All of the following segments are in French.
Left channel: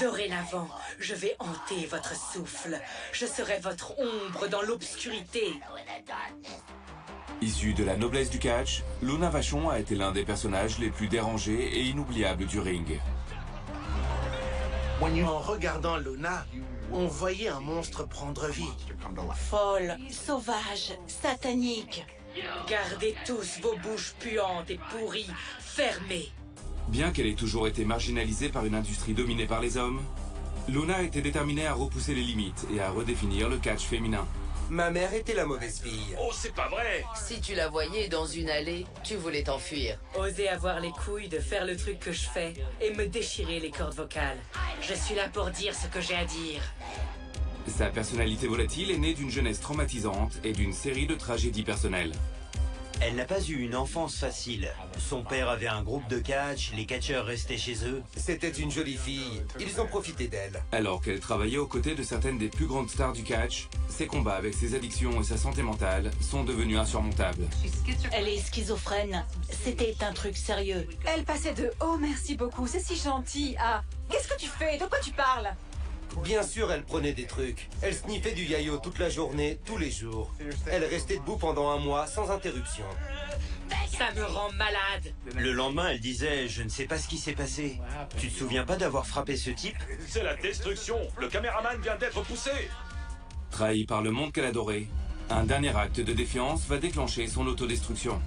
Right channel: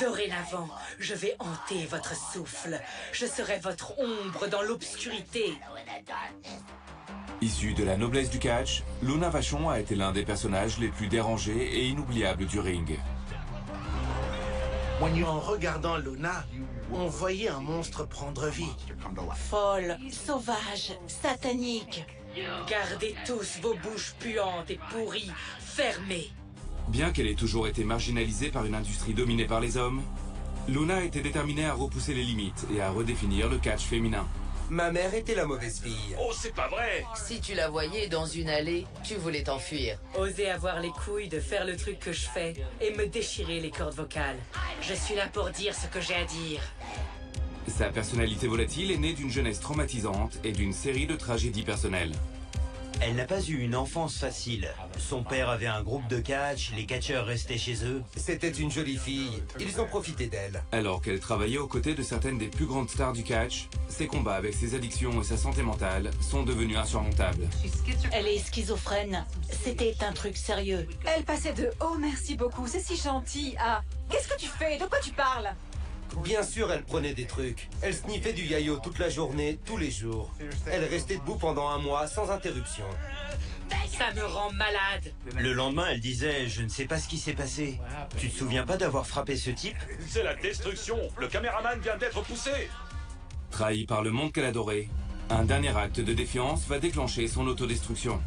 Dorénavant, je vais hanter votre souffle. Je serai votre ombre dans l'obscurité. Issue de la noblesse du catch, Luna Vachon a été l'un des personnages les plus dérangés et inoubliables du ring. En regardant Luna, on voyait un monstre prendre vie. Folle, sauvage, satanique. Gardez tous vos bouches puantes et pourries, fermées. Bien qu'elle ait toujours été marginalisée par une industrie dominée par les hommes, Luna était déterminée à repousser les limites et à redéfinir le catch féminin. Ma mère était la mauvaise fille. Oh, c'est pas vrai! Si tu la voyais dans une allée, tu voulais t'enfuir. Osez avoir les couilles de faire le truc que je fais et me déchirer les cordes vocales. Je suis là pour dire ce que j'ai à dire. Sa personnalité volatile est née d'une jeunesse traumatisante et d'une série de tragédies personnelles. Elle n'a pas eu une enfance facile. Son père avait un groupe de catch, les catcheurs restaient chez eux. C'était une jolie fille. Ils ont profité d'elle. Alors qu'elle travaillait aux côtés de certaines des plus grandes stars du catch, ses combats avec ses addictions et sa santé mentale sont devenus insurmontables. Elle est schizophrène. C'était un truc sérieux. Elle passait de « Oh, merci beaucoup, c'est si gentil » à « Qu'est-ce que tu fais? De quoi tu parles ?» Bien sûr, elle prenait des trucs. Elle sniffait du yayo toute la journée, tous les jours. Elle restait debout pendant un mois, sans interruption. Ça me rend malade. Le lendemain, elle disait « Je ne sais pas ce qui s'est passé. Tu te souviens pas d'avoir frappé ce type ?» C'est la destruction! Le caméraman vient d'être poussé! Trahie par le monde qu'elle adorait, un dernier acte de défiance va déclencher son autodestruction.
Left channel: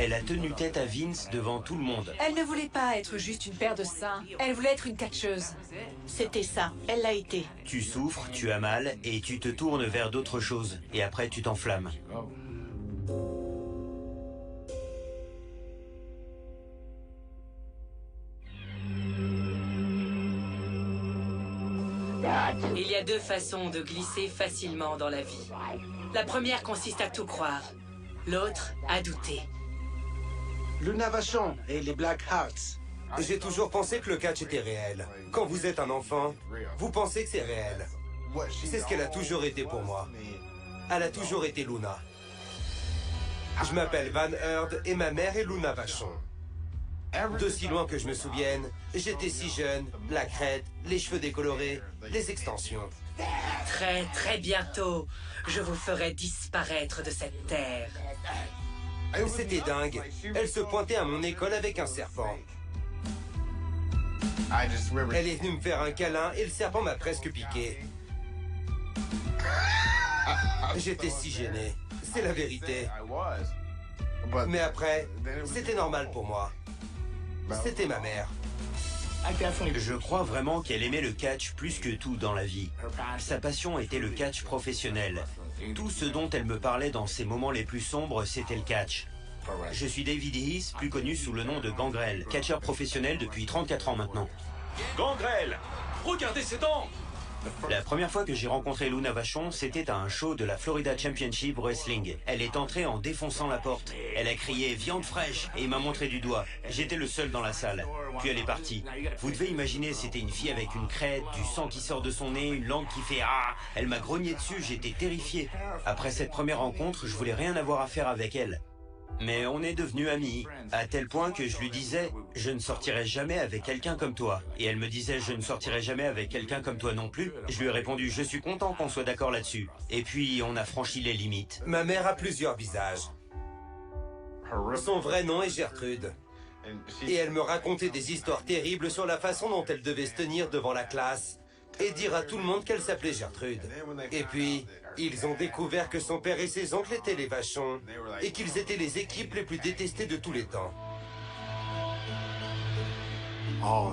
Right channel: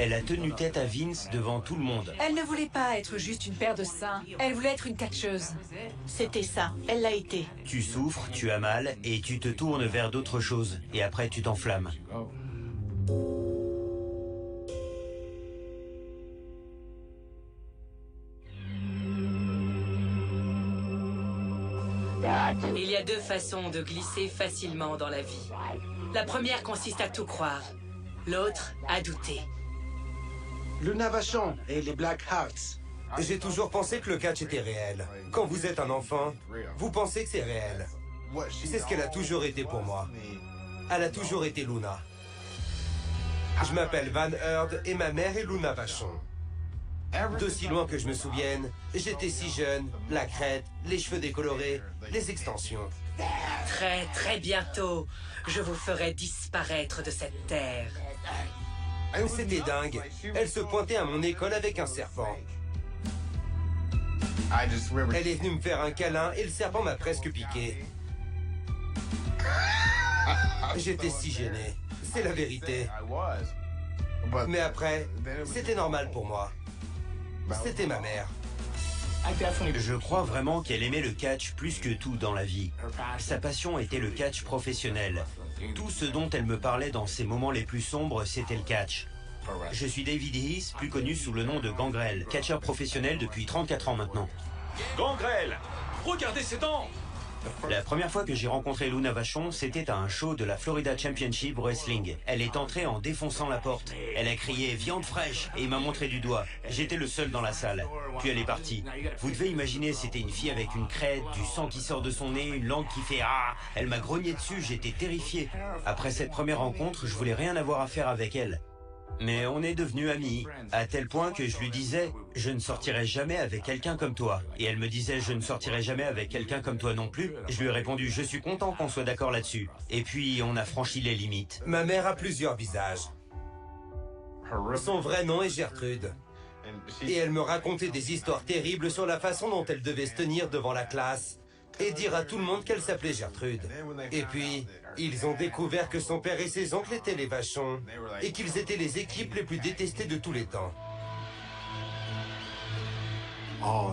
Elle a tenu tête à Vince devant tout le monde. Elle ne voulait pas être juste une paire de seins, elle voulait être une catcheuse. C'était ça, elle l'a été. Tu souffres, tu as mal, et tu te tournes vers d'autres choses. Et après, tu t'enflammes. Il y a deux façons de glisser facilement dans la vie. La première consiste à tout croire. L'autre, à douter. Luna Vachon et les Black Hearts. J'ai toujours pensé que le catch était réel. Quand vous êtes un enfant, vous pensez que c'est réel. C'est ce qu'elle a toujours été pour moi. Elle a toujours été Luna. Je m'appelle Van Heard et ma mère est Luna Vachon. D'aussi loin que je me souvienne, j'étais si jeune, la crête, les cheveux décolorés, les extensions. Très, très bientôt, je vous ferai disparaître de cette terre. C'était dingue. Elle se pointait à mon école avec un serpent. Elle est venue me faire un câlin et le serpent m'a presque piqué. J'étais si gêné. C'est la vérité. Mais après, c'était normal pour moi. C'était ma mère. Je crois vraiment qu'elle aimait le catch plus que tout dans la vie. Sa passion était le catch professionnel. Tout ce dont elle me parlait dans ses moments les plus sombres, c'était le catch. Je suis David Heath, plus connu sous le nom de Gangrel, catcheur professionnel depuis 34 ans maintenant. Gangrel! Regardez ses dents! La première fois que j'ai rencontré Luna Vachon, c'était à un show de la Florida Championship Wrestling. Elle est entrée en défonçant la porte. Elle a crié « Viande fraîche » et m'a montré du doigt. J'étais le seul dans la salle. Puis elle est partie. Vous devez imaginer, c'était une fille avec une crête, du sang qui sort de son nez, une langue qui fait « Ah !» Elle m'a grogné dessus, j'étais terrifié. Après cette première rencontre, je voulais rien avoir à faire avec elle. Mais on est devenus amis, à tel point que je lui disais « Je ne sortirai jamais avec quelqu'un comme toi ». Et elle me disait « Je ne sortirai jamais avec quelqu'un comme toi non plus ». Je lui ai répondu « Je suis content qu'on soit d'accord là-dessus ». Et puis on a franchi les limites. Ma mère a plusieurs visages. Son vrai nom est Gertrude. Et elle me racontait des histoires terribles sur la façon dont elle devait se tenir devant la classe et dire à tout le monde qu'elle s'appelait Gertrude. Et puis, ils ont découvert que son père et ses oncles étaient les Vachons et qu'ils étaient les équipes les plus détestées de tous les temps.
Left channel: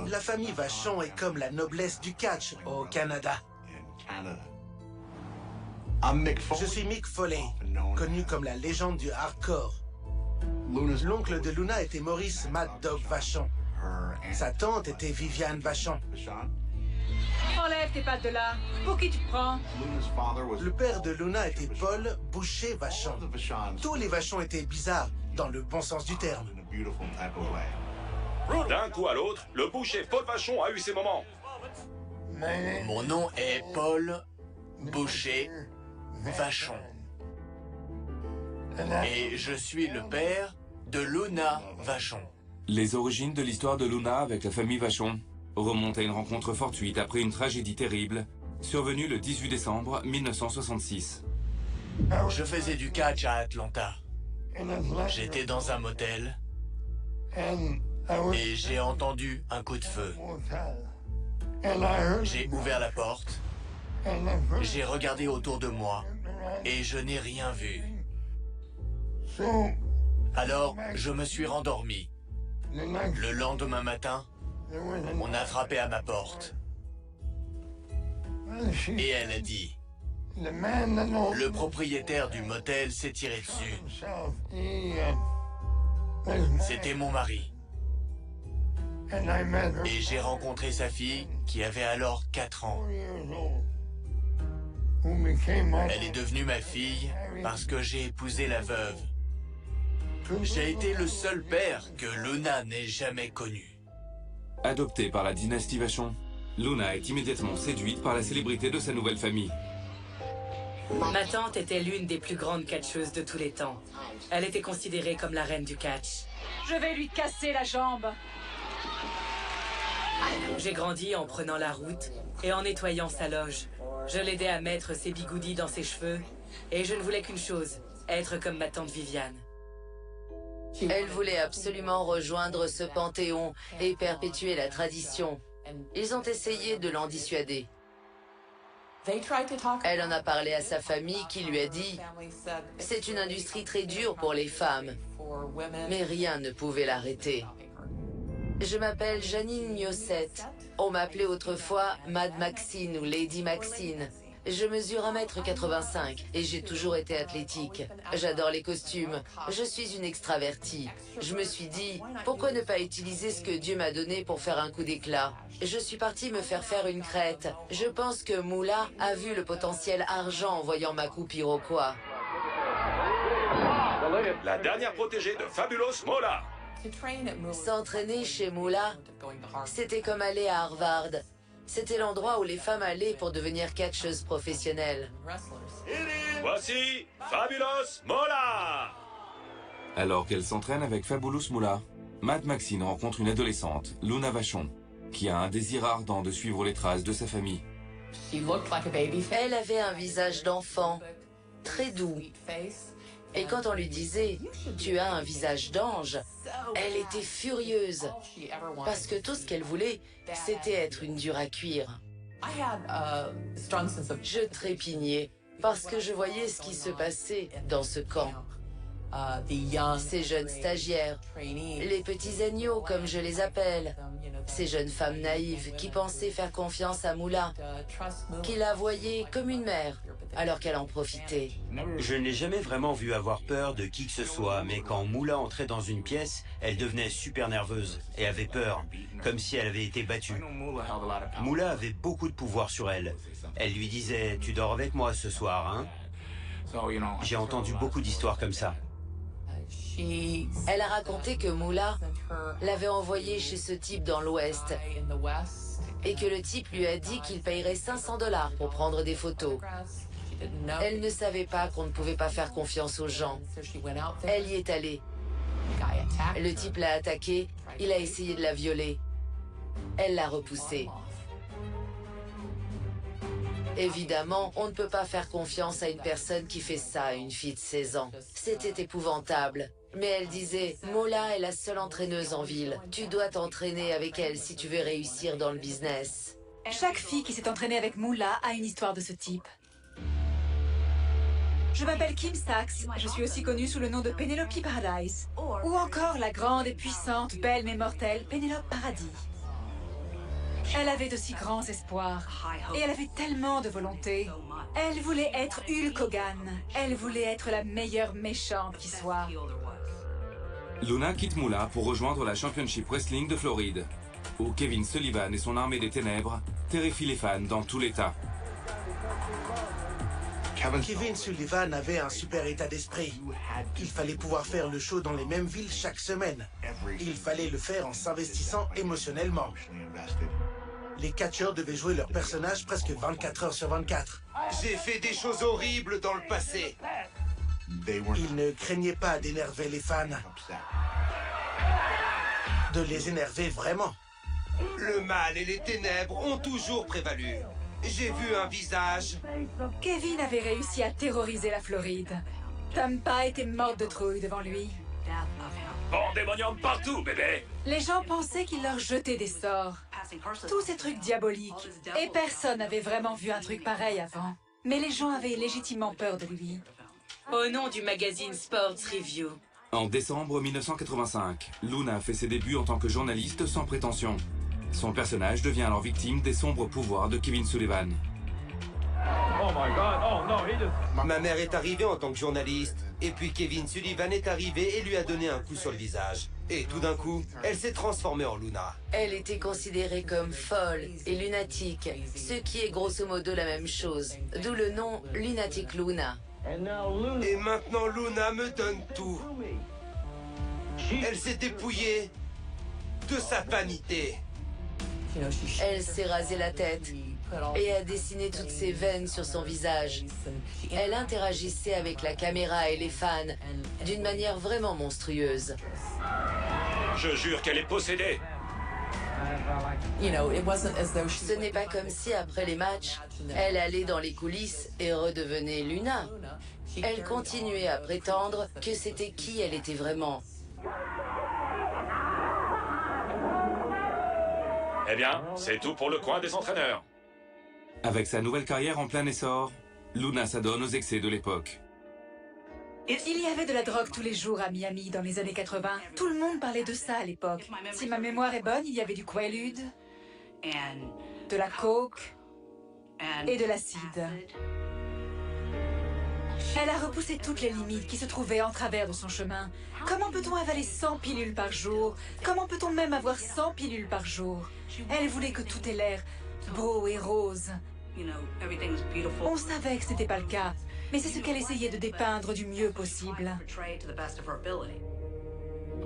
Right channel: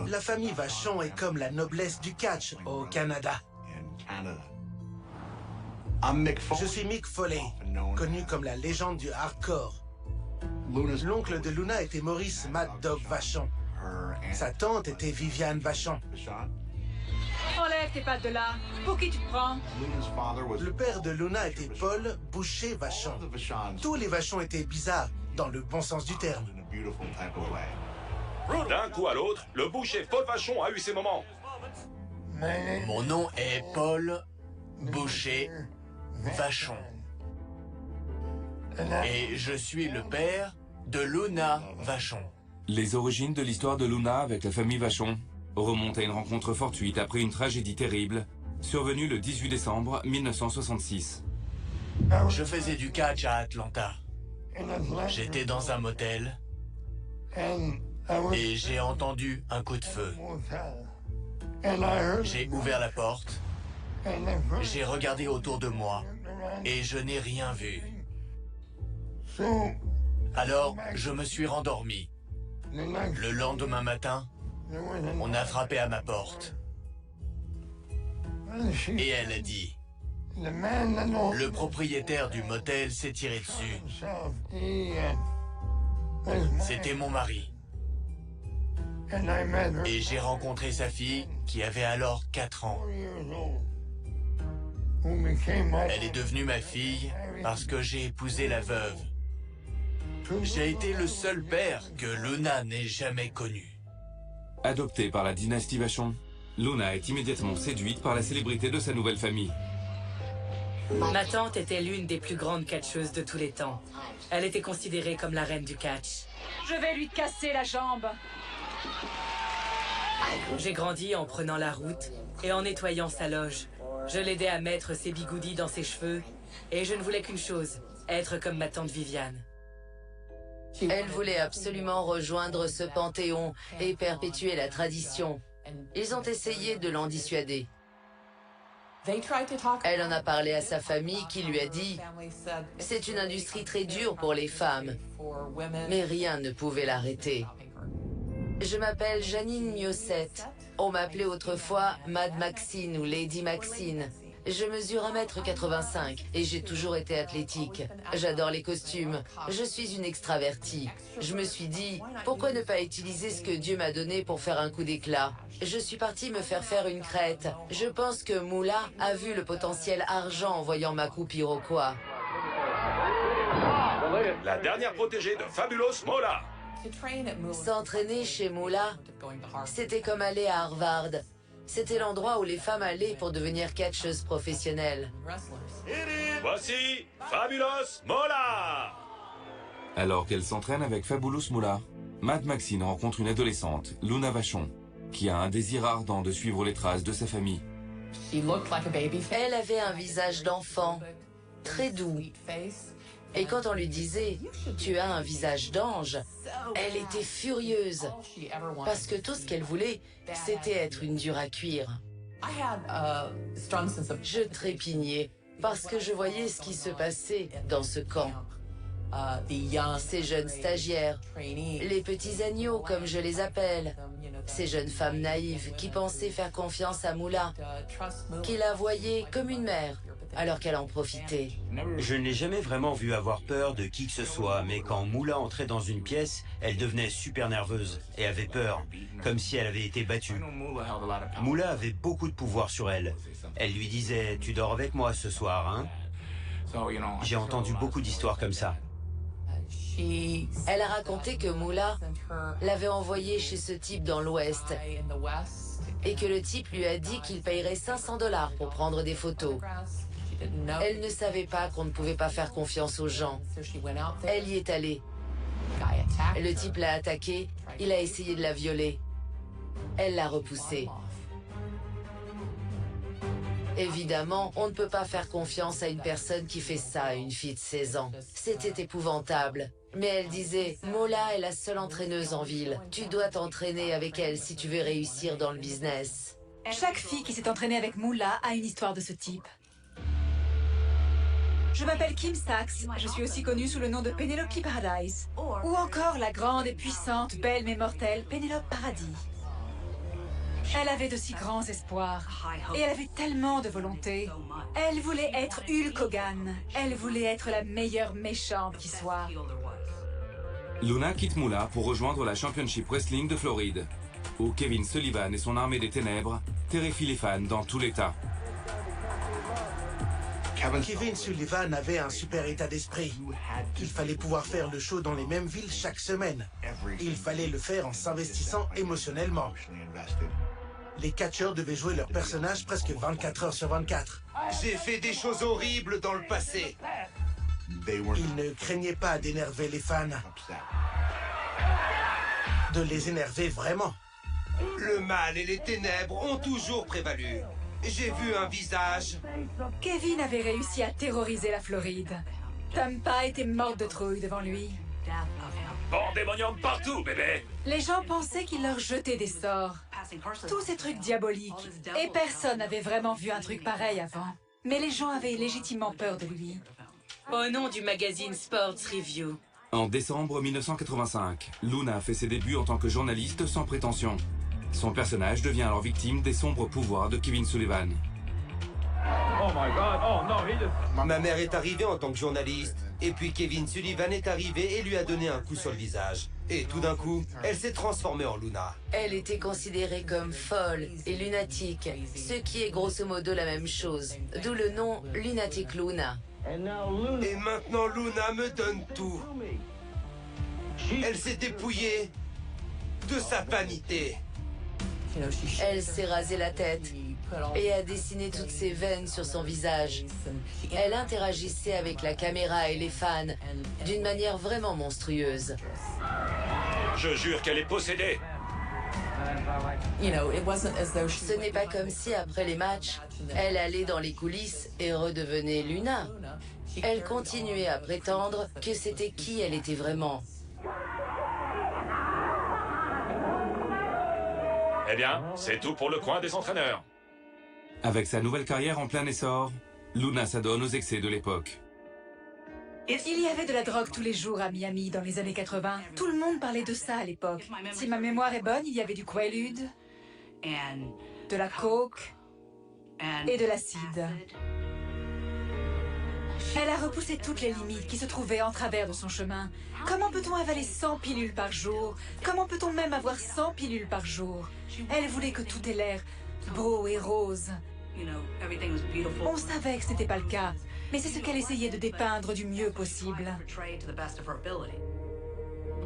La famille Vachon est comme la noblesse du catch au Canada. Je suis Mick Foley, connu comme la légende du hardcore. L'oncle de Luna était Maurice Mad Dog Vachon. Sa tante était Viviane Vachon. Enlève tes pattes de là. Pour qui tu te prends? Le père de Luna était Paul Boucher Vachon. Tous les Vachons étaient bizarres, dans le bon sens du terme. D'un coup à l'autre, le boucher Paul Vachon a eu ses moments. Mon nom est Paul Boucher Vachon. Et je suis le père de Luna Vachon. Les origines de l'histoire de Luna avec la famille Vachon. remonte à une rencontre fortuite après une tragédie terrible, survenue le 18 décembre 1966. Je faisais du catch à Atlanta. J'étais dans un motel et j'ai entendu un coup de feu. J'ai ouvert la porte, j'ai regardé autour de moi et je n'ai rien vu. Alors, je me suis rendormi. Le lendemain matin, on a frappé à ma porte. Et elle a dit, le propriétaire du motel s'est tiré dessus. C'était mon mari. Et j'ai rencontré sa fille qui avait alors 4 ans. Elle est devenue ma fille parce que j'ai épousé la veuve. J'ai été le seul père que Luna n'ait jamais connu. Adoptée par la dynastie Vachon, Luna est immédiatement séduite par la célébrité de sa nouvelle famille. Ma tante était l'une des plus grandes catcheuses de tous les temps. Elle était considérée comme la reine du catch. Je vais lui casser la jambe. J'ai grandi en prenant la route et en nettoyant sa loge. Je l'aidais à mettre ses bigoudis dans ses cheveux et je ne voulais qu'une chose, être comme ma tante Viviane. Elle voulait absolument rejoindre ce panthéon et perpétuer la tradition. Ils ont essayé de l'en dissuader. Elle en a parlé à sa famille qui lui a dit « C'est une industrie très dure pour les femmes, mais rien ne pouvait l'arrêter. » Je m'appelle Janine Miossette. On m'appelait autrefois Mad Maxine ou Lady Maxine. Je mesure 1,85 m et j'ai toujours été athlétique. J'adore les costumes. Je suis une extravertie. Je me suis dit, pourquoi ne pas utiliser ce que Dieu m'a donné pour faire un coup d'éclat? Je suis partie me faire une crête. Je pense que Moolah a vu le potentiel argent en voyant ma coupe iroquois. La dernière protégée de Fabulous Moolah. S'entraîner chez Moolah, c'était comme aller à Harvard. C'était l'endroit où les femmes allaient pour devenir catcheuses professionnelles. Voici Fabulous Moolah. Alors qu'elle s'entraîne avec Fabulous Moolah, Mad Maxine rencontre une adolescente, Luna Vachon, qui a un désir ardent de suivre les traces de sa famille. Elle avait un visage d'enfant, très doux. Et quand on lui disait « Tu as un visage d'ange », elle était furieuse. Parce que tout ce qu'elle voulait, c'était être une dure à cuire. Je trépignais parce que je voyais ce qui se passait dans ce camp. Ces jeunes stagiaires, les petits agneaux comme je les appelle, ces jeunes femmes naïves qui pensaient faire confiance à Moolah, qui la voyaient comme une mère, alors qu'elle en profitait. Je ne l'ai jamais vraiment vue avoir peur de qui que ce soit, mais quand Moolah entrait dans une pièce, elle devenait super nerveuse et avait peur, comme si elle avait été battue. Moolah avait beaucoup de pouvoir sur elle. Elle lui disait « Tu dors avec moi ce soir, hein ?» J'ai entendu beaucoup d'histoires comme ça. Elle a raconté que Moolah l'avait envoyée chez ce type dans l'Ouest et que le type lui a dit qu'il payerait 500 $ pour prendre des photos. Elle ne savait pas qu'on ne pouvait pas faire confiance aux gens. Elle y est allée. Le type l'a attaquée, il a essayé de la violer. Elle l'a repoussé. Évidemment, on ne peut pas faire confiance à une personne qui fait ça à une fille de 16 ans. C'était épouvantable. Mais elle disait, Moolah est la seule entraîneuse en ville. Tu dois t'entraîner avec elle si tu veux réussir dans le business. Chaque fille qui s'est entraînée avec Moolah a une histoire de ce type. Je m'appelle Kim Sachs, je suis aussi connue sous le nom de Penelope Paradise. Ou encore la grande et puissante, belle mais mortelle Penelope Paradis. Elle avait de si grands espoirs, et elle avait tellement de volonté. Elle voulait être Hulk Hogan, elle voulait être la meilleure méchante qui soit. Luna quitte Moolah pour rejoindre la Championship Wrestling de Floride, où Kevin Sullivan et son armée des ténèbres terrifient les fans dans tout l'État. Kevin Sullivan avait un super état d'esprit. Il fallait pouvoir faire le show dans les mêmes villes chaque semaine. Il fallait le faire en s'investissant émotionnellement. Les catcheurs devaient jouer leur personnage presque 24 heures sur 24. J'ai fait des choses horribles dans le passé. Ils ne craignaient pas d'énerver les fans. De les énerver vraiment. Le mal et les ténèbres ont toujours prévalu. J'ai vu un visage. Kevin avait réussi à terroriser la Floride. Tampa était morte de trouille devant lui. Pandémonium partout, bébé! Les gens pensaient qu'il leur jetait des sorts. Tous ces trucs diaboliques. Et personne n'avait vraiment vu un truc pareil avant. Mais les gens avaient légitimement peur de lui. Au nom du magazine Sports Review. En décembre 1985, Luna fait ses débuts en tant que journaliste sans prétention. Son personnage devient alors victime des sombres pouvoirs de Kevin Sullivan. Ma mère est arrivée en tant que journaliste. Et puis Kevin Sullivan est arrivé et lui a donné un coup sur le visage. Et tout d'un coup, elle s'est transformée en Luna. Elle était considérée comme folle et lunatique, ce qui est grosso modo la même chose, d'où le nom Lunatic Luna. Et maintenant Luna me donne tout. Elle s'est dépouillée de sa vanité. Elle s'est rasé la tête et a dessiné toutes ses veines sur son visage. Elle interagissait avec la caméra et les fans d'une manière vraiment monstrueuse. Je jure qu'elle est possédée! Ce n'est pas comme si, après les matchs, elle allait dans les coulisses et redevenait Luna. Elle continuait à prétendre que c'était qui elle était vraiment. Eh bien, c'est tout pour le coin des entraîneurs. Avec sa nouvelle carrière en plein essor, Luna s'adonne aux excès de l'époque. Il y avait de la drogue tous les jours à Miami dans les années 80. Tout le monde parlait de ça à l'époque. Si ma mémoire est bonne, il y avait du Quaalude, de la coke et de l'acide. Elle a repoussé toutes les limites qui se trouvaient en travers de son chemin. Comment peut-on avaler 100 pilules par jour? Comment peut-on même avoir 100 pilules par jour? Elle voulait que tout ait l'air beau et rose. On savait que ce n'était pas le cas, mais c'est ce qu'elle essayait de dépeindre du mieux possible.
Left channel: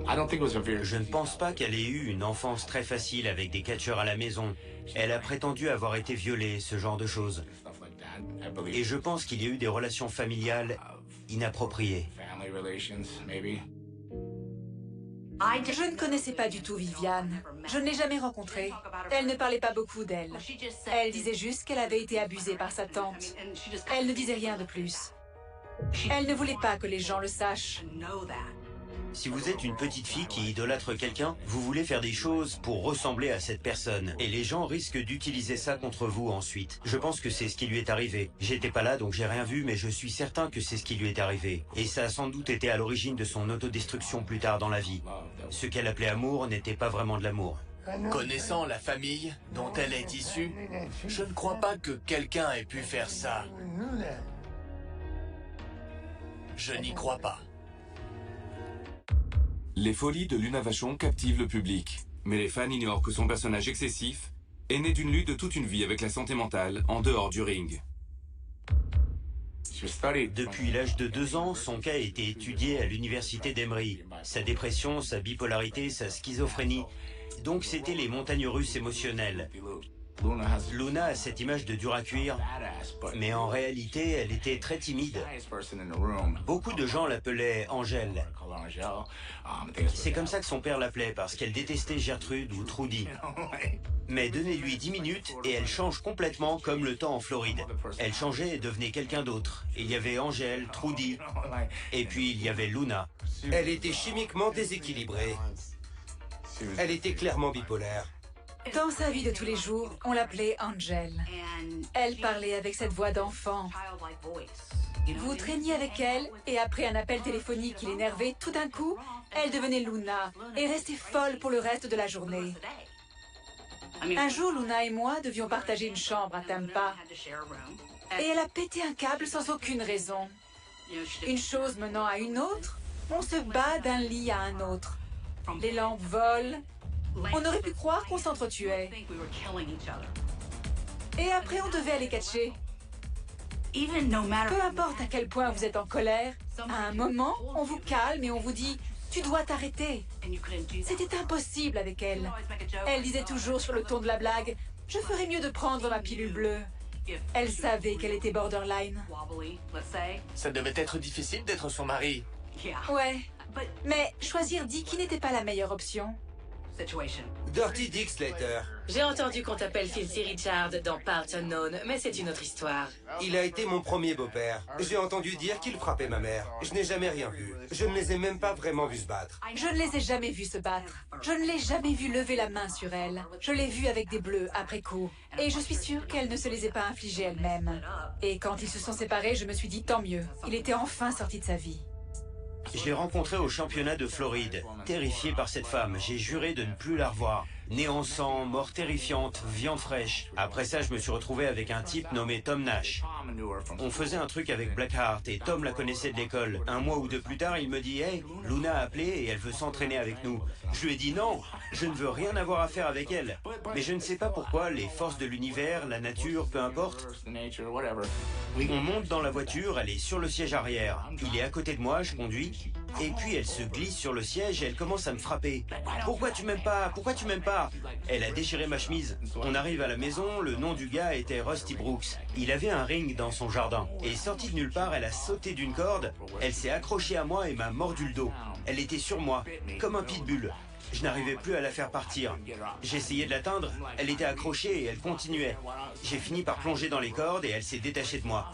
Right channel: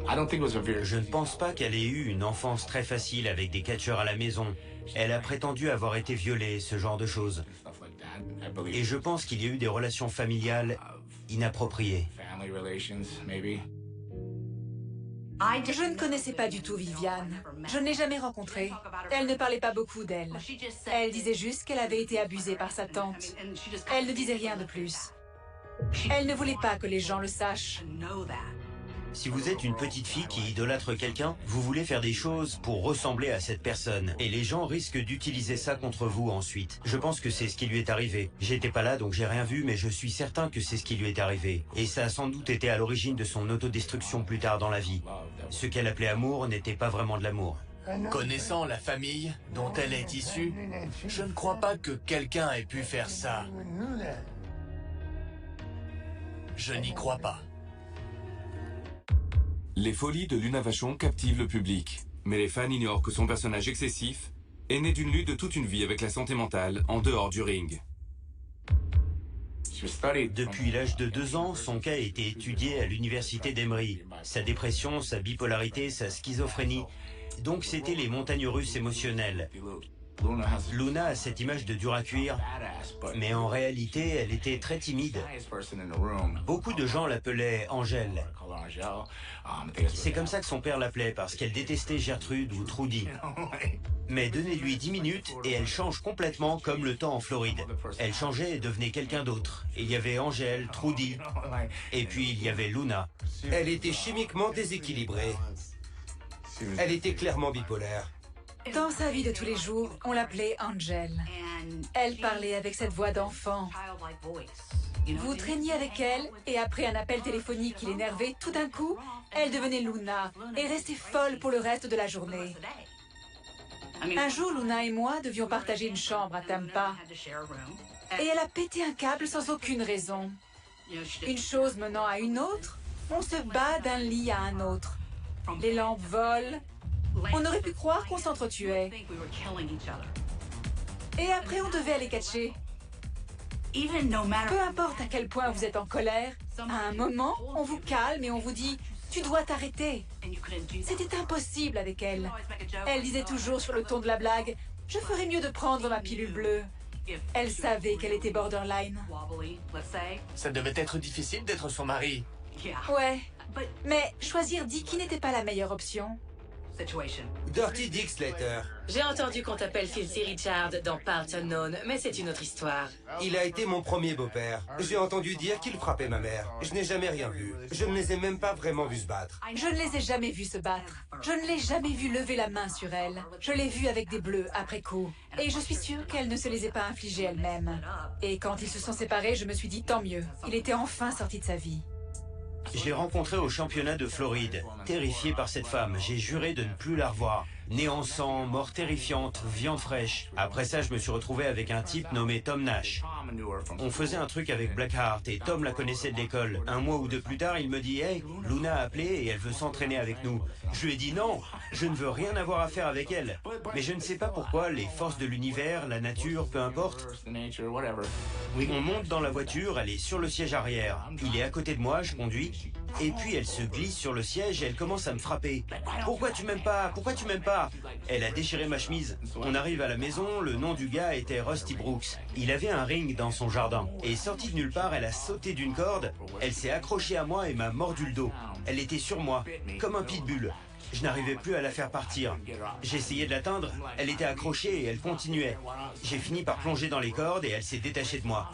Je ne pense pas qu'elle ait eu une enfance très facile avec des catcheurs à la maison. Elle a prétendu avoir été violée, ce genre de choses. Et je pense qu'il y a eu des relations familiales inappropriées. Je ne connaissais pas du tout Viviane. Je ne l'ai jamais rencontrée. Elle ne parlait pas beaucoup d'elle. Elle disait juste qu'elle avait été abusée par sa tante. Elle ne disait rien de plus. Elle ne voulait pas que les gens le sachent. Si vous êtes une petite fille qui idolâtre quelqu'un, vous voulez faire des choses pour ressembler à cette personne. Et les gens risquent d'utiliser ça contre vous ensuite. Je pense que c'est ce qui lui est arrivé. J'étais pas là donc j'ai rien vu, mais je suis certain que c'est ce qui lui est arrivé. Et ça a sans doute été à l'origine de son autodestruction plus tard dans la vie. Ce qu'elle appelait amour n'était pas vraiment de l'amour. Connaissant la famille dont elle est issue, je ne crois pas que quelqu'un ait pu faire ça. Je n'y crois pas. Les folies de Luna Vachon captivent le public, mais les fans ignorent que son personnage excessif est né d'une lutte de toute une vie avec la santé mentale en dehors du ring. Depuis l'âge de 2 ans, son cas a été étudié à l'université d'Emery. Sa dépression, sa bipolarité, sa schizophrénie. Donc c'était les montagnes russes émotionnelles. Luna a cette image de dur à cuire, mais en réalité, elle était très timide. Beaucoup de gens l'appelaient Angèle. C'est comme ça que son père l'appelait, parce qu'elle détestait Gertrude ou Trudy. Mais donnez-lui 10 minutes et elle change complètement comme le temps en Floride. Elle changeait et devenait quelqu'un d'autre. Il y avait Angèle, Trudy, et puis il y avait Luna. Elle était chimiquement déséquilibrée. Elle était clairement bipolaire. Dans sa vie de tous les jours, on l'appelait Angel. Elle parlait avec cette voix d'enfant. Vous traîniez avec elle, et après un appel téléphonique qui l'énervait, tout d'un coup, elle devenait Luna, et restait folle pour le reste de la journée. Un jour, Luna et moi devions partager une chambre à Tampa. Et elle a pété un câble sans aucune raison. Une chose menant à une autre, on se bat d'un lit à un autre. Les lampes volent. On aurait pu croire qu'on s'entretuait. Et après, on devait aller catcher. Peu importe à quel point vous êtes en colère, à un moment, on vous calme et on vous dit « Tu dois t'arrêter ». C'était impossible avec elle. Elle disait toujours sur le ton de la blague « Je ferais mieux de prendre ma pilule bleue ». Elle savait qu'elle était borderline. Ça devait être difficile d'être son mari. Ouais, mais choisir Dickie n'était pas la meilleure option. Dirty Dick Slater. J'ai entendu qu'on t'appelle Filthy Richard dans Parts Unknown, mais c'est une autre histoire. Il a été mon premier beau-père. J'ai entendu dire qu'il frappait ma mère. Je n'ai jamais rien vu. Je ne les ai même pas vraiment vus se battre. Je ne les ai jamais vus se battre. Je ne l'ai jamais vu lever la main sur elle. Je l'ai vue avec des bleus après coup. Et je suis sûre qu'elle ne se les ait pas infligés elle-même. Et quand ils se sont séparés, je me suis dit tant mieux. Il était enfin sorti de sa vie. Je l'ai rencontrée au championnat de Floride. Terrifié par cette femme, j'ai juré de ne plus la revoir. Nez en sang, mort terrifiante, viande fraîche. Après ça, je me suis retrouvé avec un type nommé Tom Nash. On faisait un truc avec Blackheart et Tom la connaissait de l'école. Un mois ou deux plus tard, il me dit « Hey, Luna a appelé et elle veut s'entraîner avec nous. » Je lui ai dit « Non, je ne veux rien avoir à faire avec elle. » Mais je ne sais pas pourquoi, les forces de l'univers, la nature, peu importe. On monte dans la voiture, elle est sur le siège arrière. Il est à côté de moi, je conduis. Et puis elle se glisse sur le siège et elle commence à me frapper. « Pourquoi tu m'aimes pas? Pourquoi tu m'aimes pas ?» Elle a déchiré ma chemise. On arrive à la maison, le nom du gars était Rusty Brooks. Il avait un ring dans son jardin. Et sortie de nulle part, elle a sauté d'une corde. Elle s'est accrochée à moi et m'a mordu le dos. Elle était sur moi, comme un pitbull. Je n'arrivais plus à la faire partir. J'ai essayé de l'atteindre, elle était accrochée et elle continuait. J'ai fini par plonger dans les cordes et elle s'est détachée de moi.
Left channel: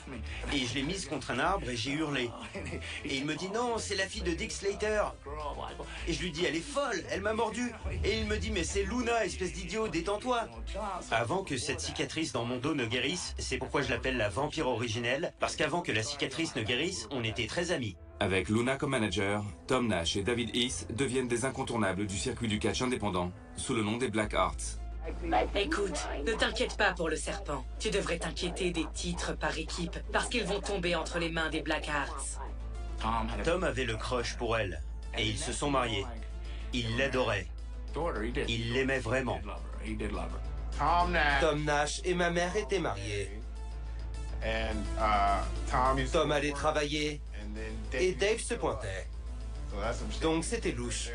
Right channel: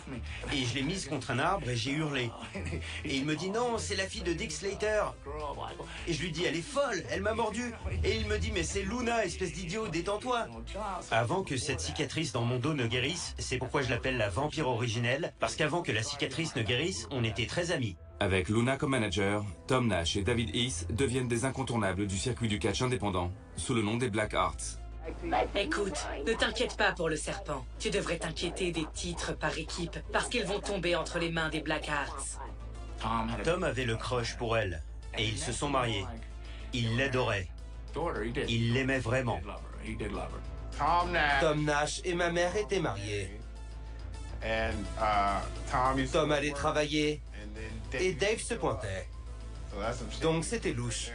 Et je l'ai mise contre un arbre et j'ai hurlé. Et il me dit non, c'est la fille de Dick Slater. Et je lui dis elle est folle, elle m'a mordu. Et il me dit mais c'est Luna, espèce d'idiot, détends-toi. Avant que cette cicatrice dans mon dos ne guérisse, c'est pourquoi je l'appelle la vampire originelle, parce qu'avant que la cicatrice ne guérisse, on était très amis. Avec Luna comme manager, Tom Nash et David Heath deviennent des incontournables du circuit du catch indépendant, sous le nom des Black Hearts. Écoute, ne t'inquiète pas pour le serpent. Tu devrais t'inquiéter des titres par équipe, parce qu'ils vont tomber entre les mains des Black Hearts. Tom avait le crush pour elle, et ils se sont mariés. Il l'adorait. Il l'aimait vraiment. Tom Nash et ma mère étaient mariés. Tom allait travailler et Dave se pointait. Donc c'était louche.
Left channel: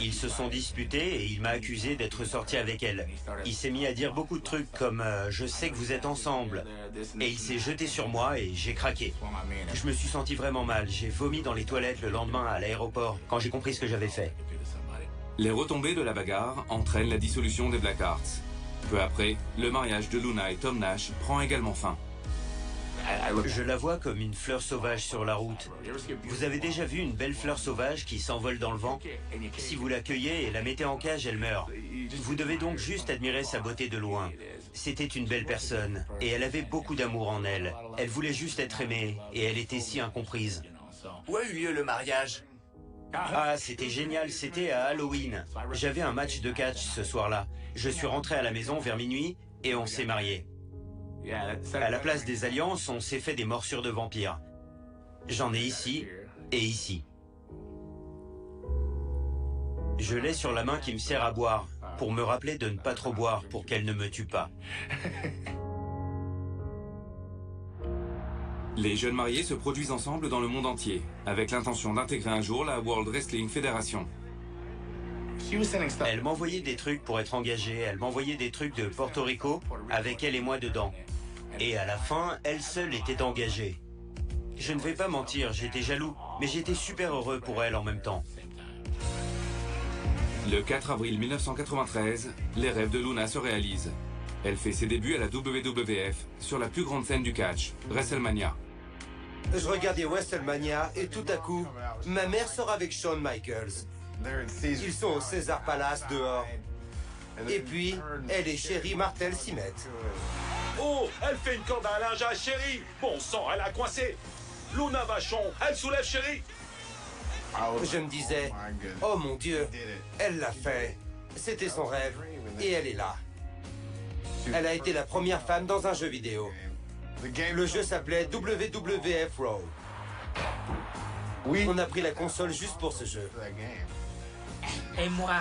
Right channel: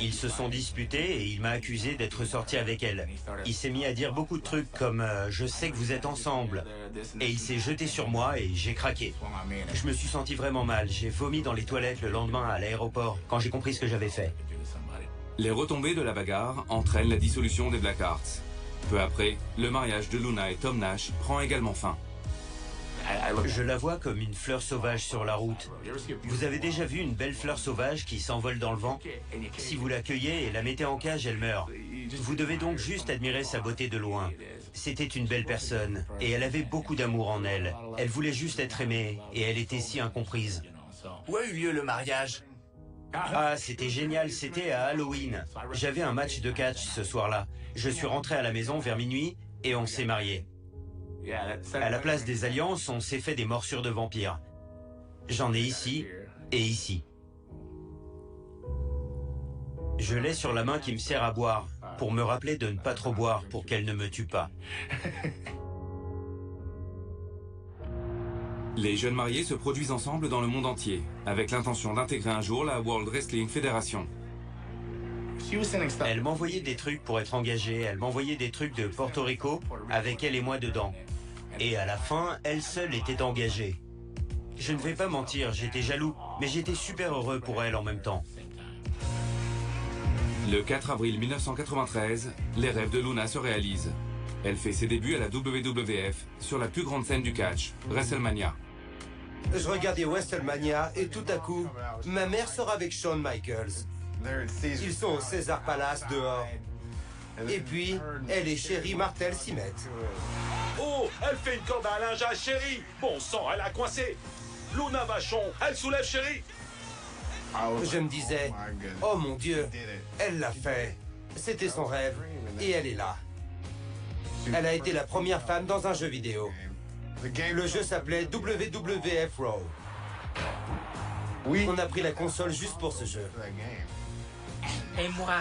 Ils se sont disputés et il m'a accusé d'être sorti avec elle. Il s'est mis à dire beaucoup de trucs comme je sais que vous êtes ensemble. Et il s'est jeté sur moi et j'ai craqué. Je me suis senti vraiment mal. J'ai vomi dans les toilettes le lendemain à l'aéroport quand j'ai compris ce que j'avais fait. Les retombées de la bagarre entraînent la dissolution des Black Hearts. Peu après, le mariage de Luna et Tom Nash prend également fin. Je la vois comme une fleur sauvage sur la route. Vous avez déjà vu une belle fleur sauvage qui s'envole dans le vent? Si vous la cueillez et la mettez en cage, elle meurt. Vous devez donc juste admirer sa beauté de loin. C'était une belle personne, et elle avait beaucoup d'amour en elle. Elle voulait juste être aimée, et elle était si incomprise. Où a eu lieu le mariage? Ah, c'était génial, c'était à Halloween. J'avais un match de catch ce soir-là. Je suis rentré à la maison vers minuit, et on s'est mariés. À la place des alliances, on s'est fait des morsures de vampires. J'en ai ici et ici. Je l'ai sur la main qui me sert à boire, pour me rappeler de ne pas trop boire pour qu'elle ne me tue pas. Les jeunes mariés se produisent ensemble dans le monde entier, avec l'intention d'intégrer un jour la World Wrestling Federation. Elle m'envoyait des trucs pour être engagée, elle m'envoyait des trucs de Porto Rico, avec elle et moi dedans. Et à la fin, elle seule était engagée. Je ne vais pas mentir, j'étais jaloux, mais j'étais super heureux pour elle en même temps. Le 4 avril 1993, les rêves de Luna se réalisent. Elle fait ses débuts à la WWF sur la plus grande scène du catch, WrestleMania. Je regardais WrestleMania et tout à coup, ma mère sort avec Shawn Michaels. Ils sont au César Palace dehors. Et puis, elle et Sherry Martel s'y mettent. Oh, elle fait une corde à linge à Sherry. Bon sang, elle a coincé. Luna Vachon, elle soulève Sherry. Je me disais, oh mon Dieu, elle l'a fait. C'était son rêve, et elle est là. Elle a été la première femme dans un jeu vidéo. Le jeu s'appelait WWF Raw. On a pris la console juste pour ce jeu. Et moi,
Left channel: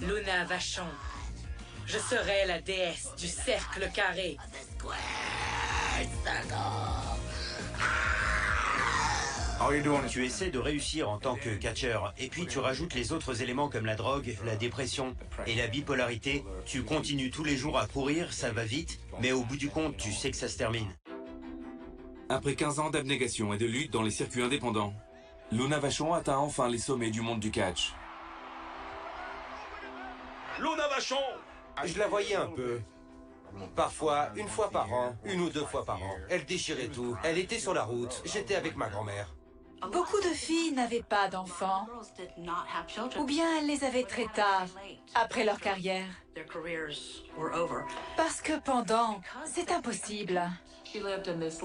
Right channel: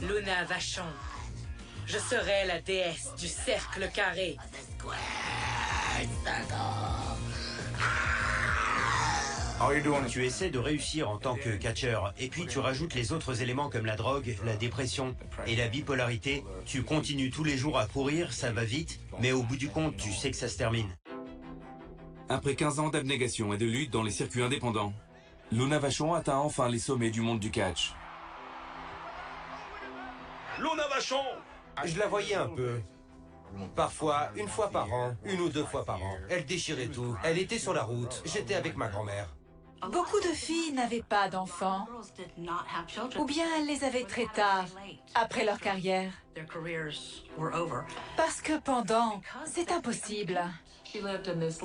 Luna Vachon, je serai la déesse du cercle carré. Tu essaies de réussir en tant que catcheur, et puis tu rajoutes les autres éléments comme la drogue, la dépression et la bipolarité. Tu continues tous les jours à courir, ça va vite, mais au bout du compte, tu sais que ça se termine. Après 15 ans d'abnégation et de lutte dans les circuits indépendants, Luna Vachon atteint enfin les sommets du monde du catch. Luna Vachon! Je la voyais un peu. Parfois, une fois par an, une ou deux fois par an. Elle déchirait tout. Elle était sur la route. J'étais avec ma grand-mère. Beaucoup de filles n'avaient pas d'enfants, ou bien elles les avaient très tard, après leur carrière. Parce que pendant, c'est impossible.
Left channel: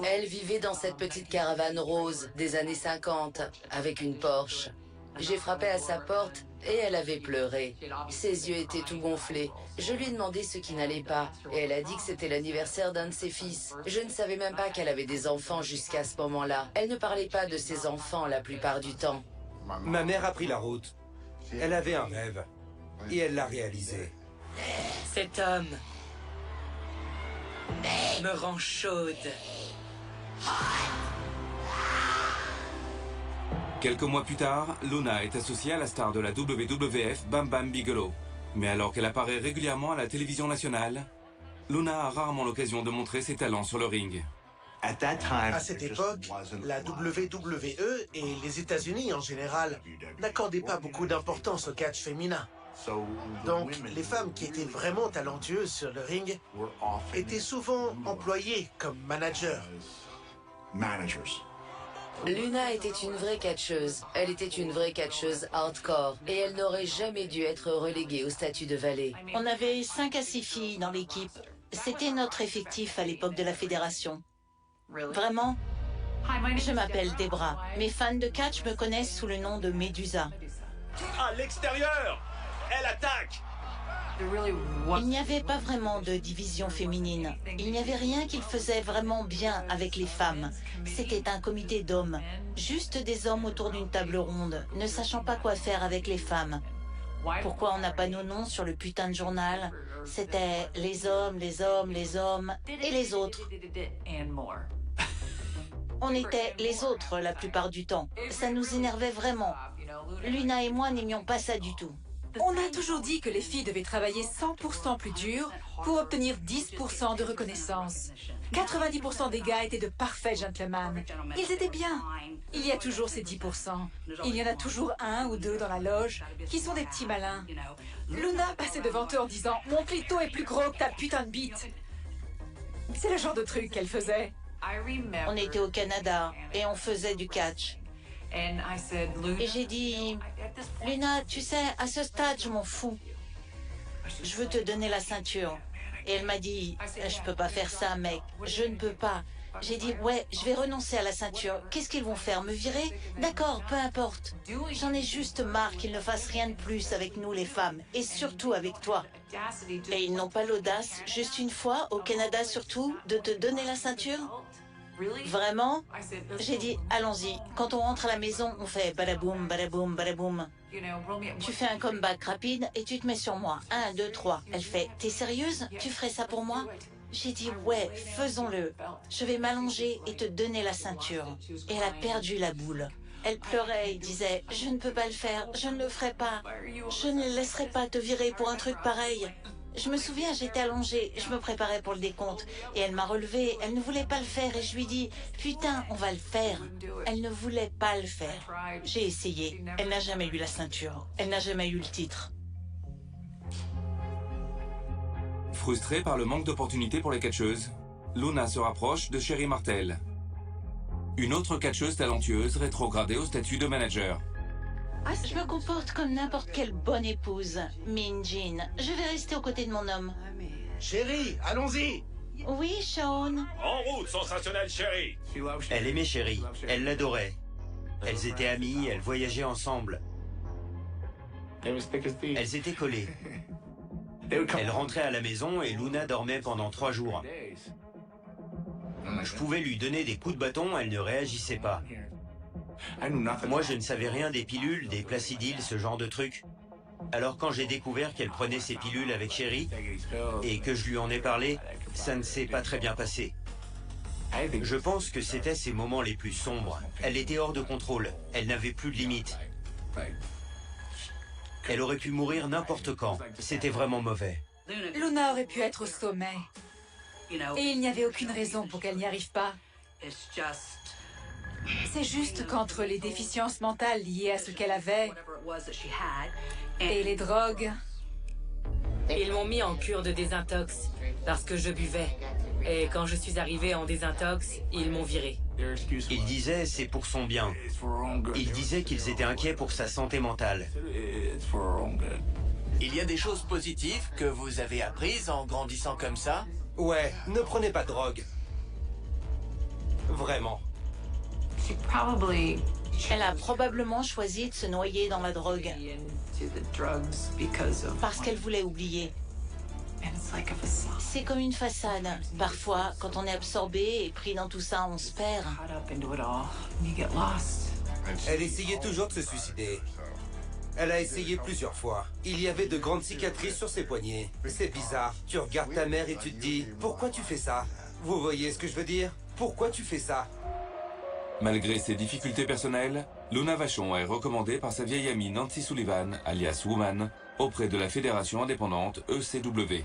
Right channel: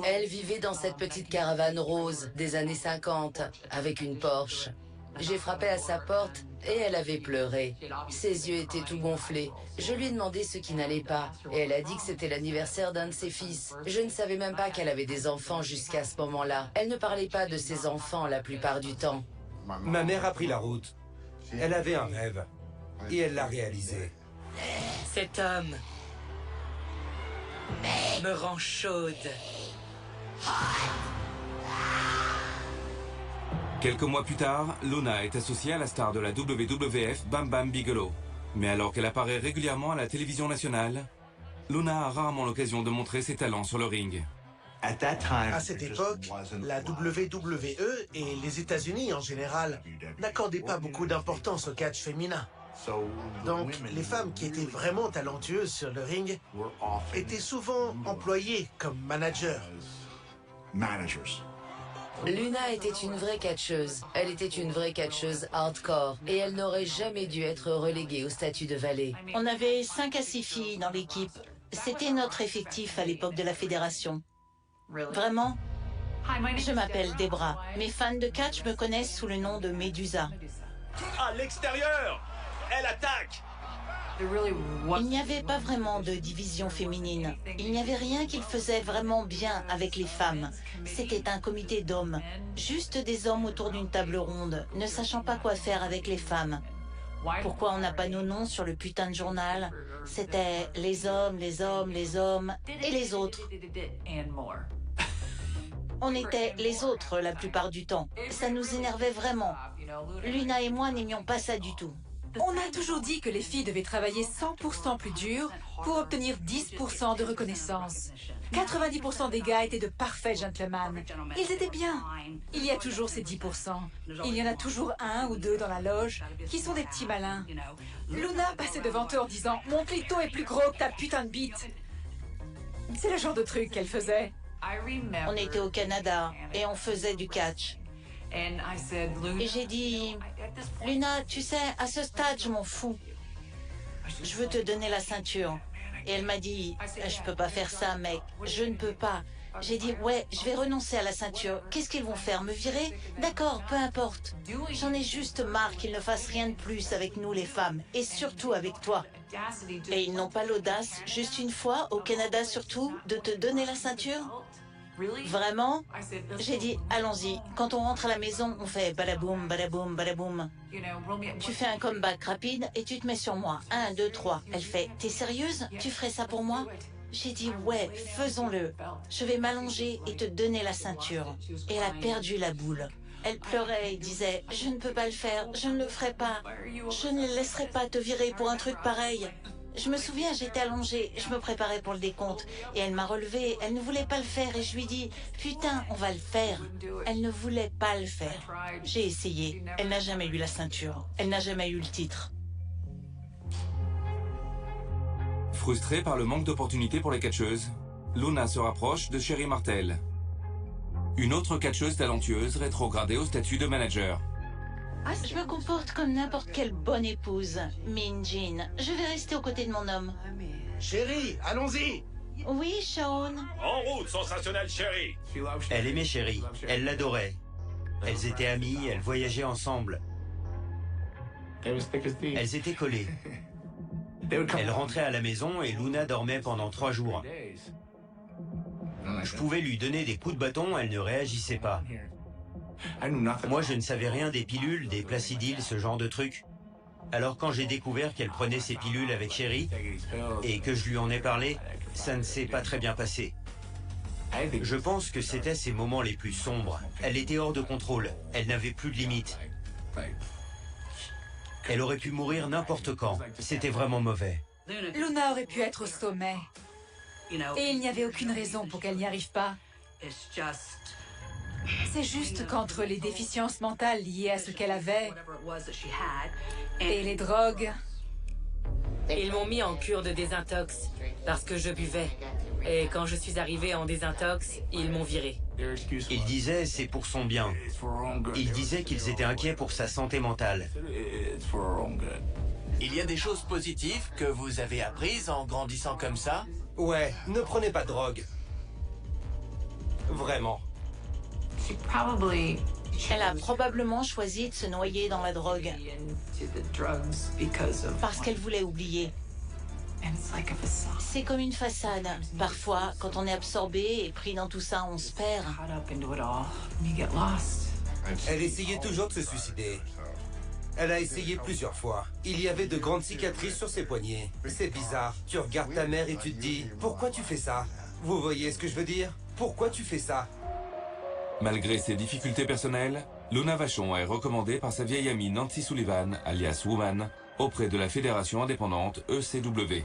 Elle vivait dans cette petite caravane rose des années 50, avec une Porsche. J'ai frappé à sa porte et elle avait pleuré. Ses yeux étaient tout gonflés. Je lui ai demandé ce qui n'allait pas et elle a dit que c'était l'anniversaire d'un de ses fils. Je ne savais même pas qu'elle avait des enfants jusqu'à ce moment-là. Elle ne parlait pas de ses enfants la plupart du temps. Ma mère a pris la route. Elle avait un rêve et elle l'a réalisé. Cet homme me rend chaude. Quelques mois plus tard, Luna est associée à la star de la WWF Bam Bam Bigelow. Mais alors qu'elle apparaît régulièrement à la télévision nationale, Luna a rarement l'occasion de montrer ses talents sur le ring. À cette époque, la WWE et les États-Unis en général n'accordaient pas beaucoup d'importance au catch féminin. Donc, les femmes qui étaient vraiment talentueuses sur le ring étaient souvent employées comme managers. Luna était une vraie catcheuse. Elle était une vraie catcheuse hardcore et elle n'aurait jamais dû être reléguée au statut de valet. On avait 5 à 6 filles dans l'équipe. C'était notre effectif à l'époque de la fédération. Vraiment? Je m'appelle Debra. Mes fans de catch me connaissent sous le nom de Médusa. À l'extérieur! Elle attaque! Il n'y avait pas vraiment de division féminine. Il n'y avait rien qu'ils faisaient vraiment bien avec les femmes. C'était un comité d'hommes. Juste des hommes autour d'une table ronde, ne sachant pas quoi faire avec les femmes. Pourquoi on n'a pas nos noms sur le putain de journal? C'était les hommes, les hommes, les hommes et les autres. On était les autres la plupart du temps. Ça nous énervait vraiment. Luna et moi n'aimions pas ça du tout. On a toujours dit que les filles devaient travailler 100% plus dur pour obtenir 10% de reconnaissance. 90% des gars étaient de parfaits gentlemen. Ils étaient bien. Il y a toujours ces 10%. Il y en a toujours un ou deux dans la loge qui sont des petits malins. Luna passait devant eux en disant « Mon clito est plus gros que ta putain de bite ». C'est le genre de truc qu'elle faisait. On était au Canada et on faisait du catch. Et j'ai dit, Luna, tu sais, à ce stade, je m'en fous. Je veux te donner la ceinture. Et elle m'a dit, je peux pas faire ça, mec. Je ne peux pas. J'ai dit, ouais, je vais renoncer à la ceinture. Qu'est-ce qu'ils vont faire, me virer? D'accord, peu importe. J'en ai juste marre qu'ils ne fassent rien de plus avec nous, les femmes. Et surtout avec toi. Et ils n'ont pas l'audace, juste une fois, au Canada surtout, de te donner la ceinture? Vraiment? J'ai dit, allons-y. Quand on rentre à la maison, on fait badaboum, badaboum, badaboum. Tu fais un comeback rapide et tu te mets sur moi. 1, 2, 3. Elle fait, t'es sérieuse? Tu ferais ça pour moi? J'ai dit, ouais, faisons-le. Je vais m'allonger et te donner la ceinture. Et elle a perdu la boule. Elle pleurait et disait, je ne peux pas le faire, je ne le ferai pas. Je ne laisserai pas te virer pour un truc pareil. Je me souviens, j'étais allongée, je me préparais pour le décompte. Et elle m'a relevée, elle ne voulait pas le faire. Et je lui dis, putain, on va le faire. Elle ne voulait pas le faire. J'ai essayé. Elle n'a jamais eu la ceinture. Elle n'a jamais eu le titre. Frustrée par le manque d'opportunités pour les catcheuses, Luna se rapproche de Sherry Martel, une autre catcheuse talentueuse rétrogradée au statut de manager. Je me comporte comme n'importe quelle bonne épouse. Mean Jean, je vais rester aux côtés de mon homme. Chérie, allons-y! Oui, Sean. En route, sensationnel chéri! Elle aimait Sherry, elle l'adorait. Elles étaient amies, elles voyageaient ensemble. Elles étaient collées. Elle rentrait à la maison et Luna dormait pendant 3 jours. Je pouvais lui donner des coups de bâton, elle ne réagissait pas. Moi, je ne savais rien des pilules, des placidyles, ce genre de trucs. Alors quand j'ai découvert qu'elle prenait ses pilules avec Sherry et que je lui en ai parlé, ça ne s'est pas très bien passé. Je pense que c'était ses moments les plus sombres. Elle était hors de contrôle, elle n'avait plus de limites. Elle aurait pu mourir n'importe quand. C'était vraiment mauvais. Luna aurait pu être au sommet. Et il n'y avait aucune raison pour qu'elle n'y arrive pas. C'est juste qu'entre les déficiences mentales liées à ce qu'elle avait et les drogues, Ils m'ont mis en cure de désintox parce que je buvais. Et quand je suis arrivé en désintox, ils m'ont viré. Ils disaient c'est pour son bien. Ils disaient qu'ils étaient inquiets pour sa santé mentale. Il y a des choses positives que vous avez apprises en grandissant comme ça? Ouais, ne prenez pas de drogue. Vraiment. Elle a probablement choisi de se noyer dans la drogue parce qu'elle voulait oublier. C'est comme une façade. Parfois, quand on est absorbé et pris dans tout ça, on se perd. Elle essayait toujours de se suicider. Elle a essayé plusieurs fois. Il y avait de grandes cicatrices sur ses poignets. C'est bizarre. Tu regardes ta mère et tu te dis, pourquoi tu fais ça? Vous voyez ce que je veux dire? Pourquoi tu fais ça? Malgré ses difficultés personnelles, Luna Vachon est recommandée par sa vieille amie Nancy Sullivan, alias Woman, auprès de la fédération indépendante ECW.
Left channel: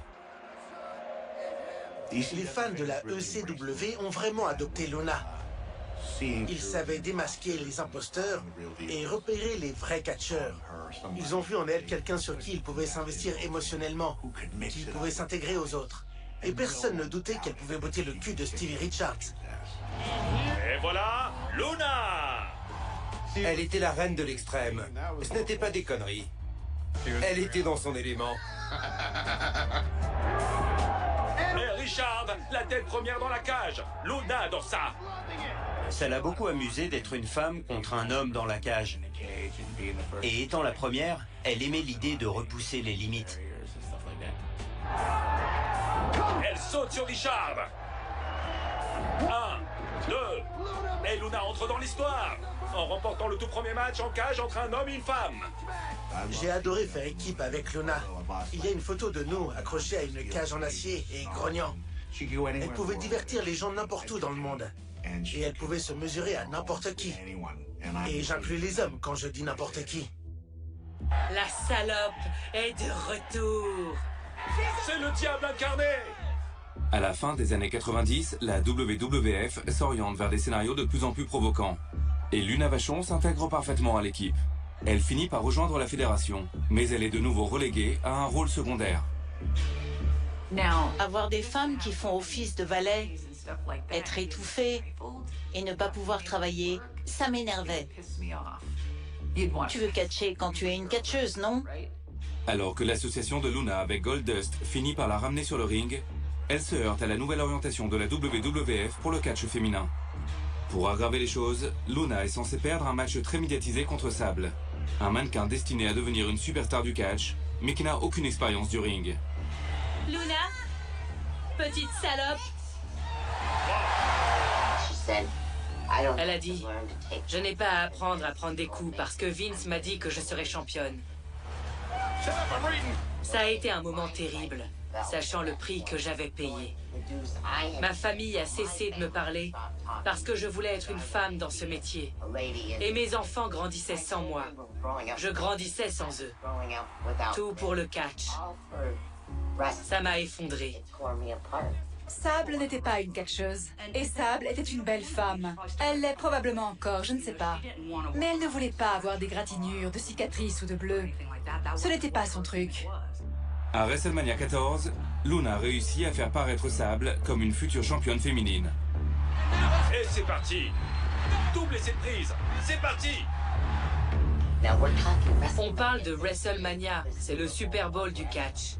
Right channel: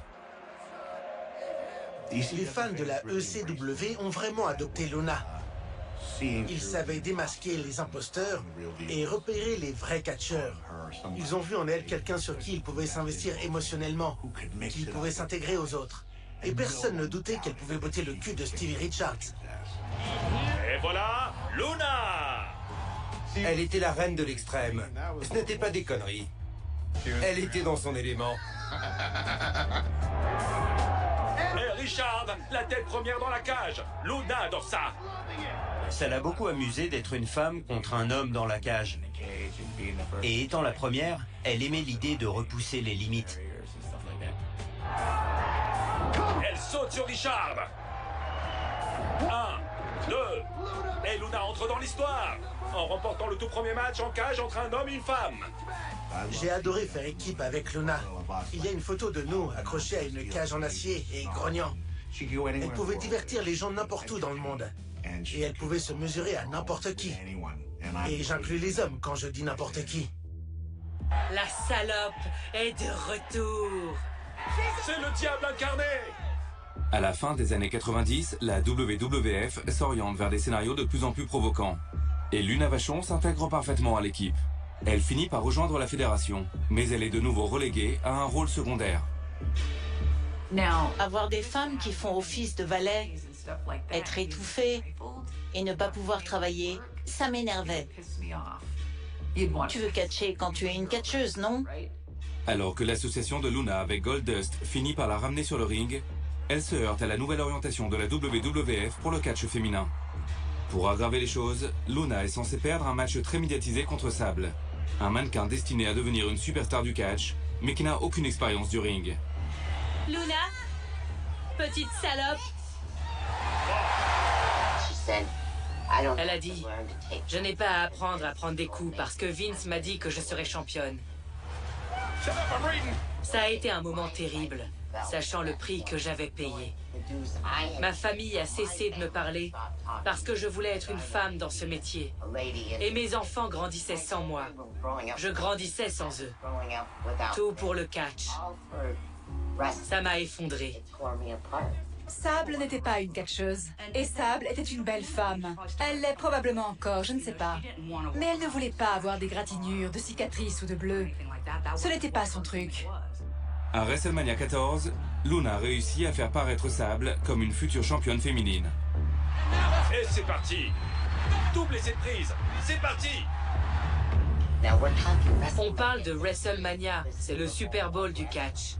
Les fans de la ECW ont vraiment adopté Luna. Ils savaient démasquer les imposteurs et repérer les vrais catcheurs. Ils ont vu en elle quelqu'un sur qui ils pouvaient s'investir émotionnellement, qui pouvait s'intégrer aux autres. Et personne ne doutait qu'elle pouvait botter le cul de Stevie Richards. Et voilà, Luna! Elle était la reine de l'extrême. Ce n'était pas des conneries. Elle était dans son élément. Et Richard, la tête première dans la cage. Luna adore ça. Ça l'a beaucoup amusé d'être une femme contre un homme dans la cage. Et étant la première, elle aimait l'idée de repousser les limites. Elle saute sur Richard. 1, 2. Et Luna entre dans l'histoire en remportant le tout premier match en cage entre un homme et une femme. J'ai adoré faire équipe avec Luna. Il y a une photo de nous accrochés à une cage en acier et grognant. Elle pouvait divertir les gens n'importe où dans le monde. Et elle pouvait se mesurer à n'importe qui. Et j'inclus les hommes quand je dis n'importe qui. La salope est de retour. C'est le diable incarné. À la fin des années 90, la WWF s'oriente vers des scénarios de plus en plus provocants. Et Luna Vachon s'intègre parfaitement à l'équipe. Elle finit par rejoindre la fédération, mais elle est de nouveau reléguée à un rôle secondaire. Avoir des femmes qui font office de valet, être étouffées et ne pas pouvoir travailler, ça m'énervait. Tu veux catcher quand tu es une catcheuse, non? Alors que l'association de Luna avec Goldust finit par la ramener sur le ring, elle se heurte à la nouvelle orientation de la WWF pour le catch féminin. Pour aggraver les choses, Luna est censée perdre un match très médiatisé contre Sable, un mannequin destiné à devenir une superstar du catch, mais qui n'a aucune expérience du ring. Luna, petite salope. Elle a dit, je n'ai pas à apprendre à prendre des coups parce que Vince m'a dit que je serais championne. Ça a été un moment terrible, sachant le prix que j'avais payé. Ma famille a cessé de me parler parce que je voulais être une femme dans ce métier. Et mes enfants grandissaient sans moi. Je grandissais sans eux. Tout pour le catch. Ça m'a effondrée. Sable n'était pas une catcheuse. Et Sable était une belle femme. Elle l'est probablement encore, je ne sais pas. Mais elle ne voulait pas avoir des gratinures, de cicatrices ou de bleus. Ce n'était pas son truc. À WrestleMania 14, Luna réussit à faire paraître Sable comme une future championne féminine. Et c'est parti. Double essai de prise. C'est parti. On parle de WrestleMania, c'est le Super Bowl du catch.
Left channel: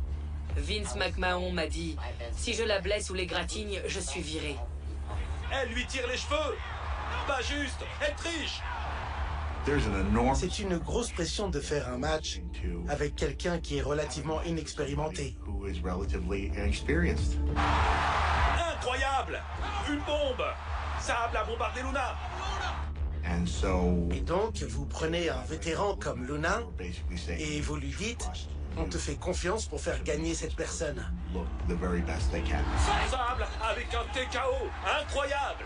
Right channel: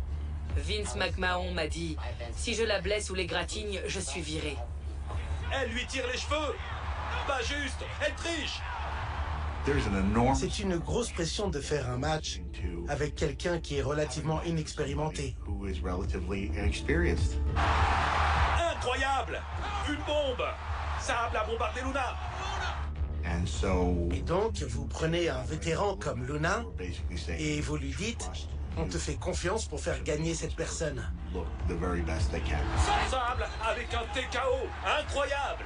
Vince McMahon m'a dit, si je la blesse ou l'égratigne, je suis viré. Elle lui tire les cheveux. Pas juste, elle triche. C'est une grosse pression de faire un match avec quelqu'un qui est relativement inexpérimenté. Incroyable. Une bombe. Sable a bombardé Luna. Et donc, vous prenez un vétéran comme Luna et vous lui dites, on te fait confiance pour faire gagner cette personne. Sable avec un TKO. Incroyable.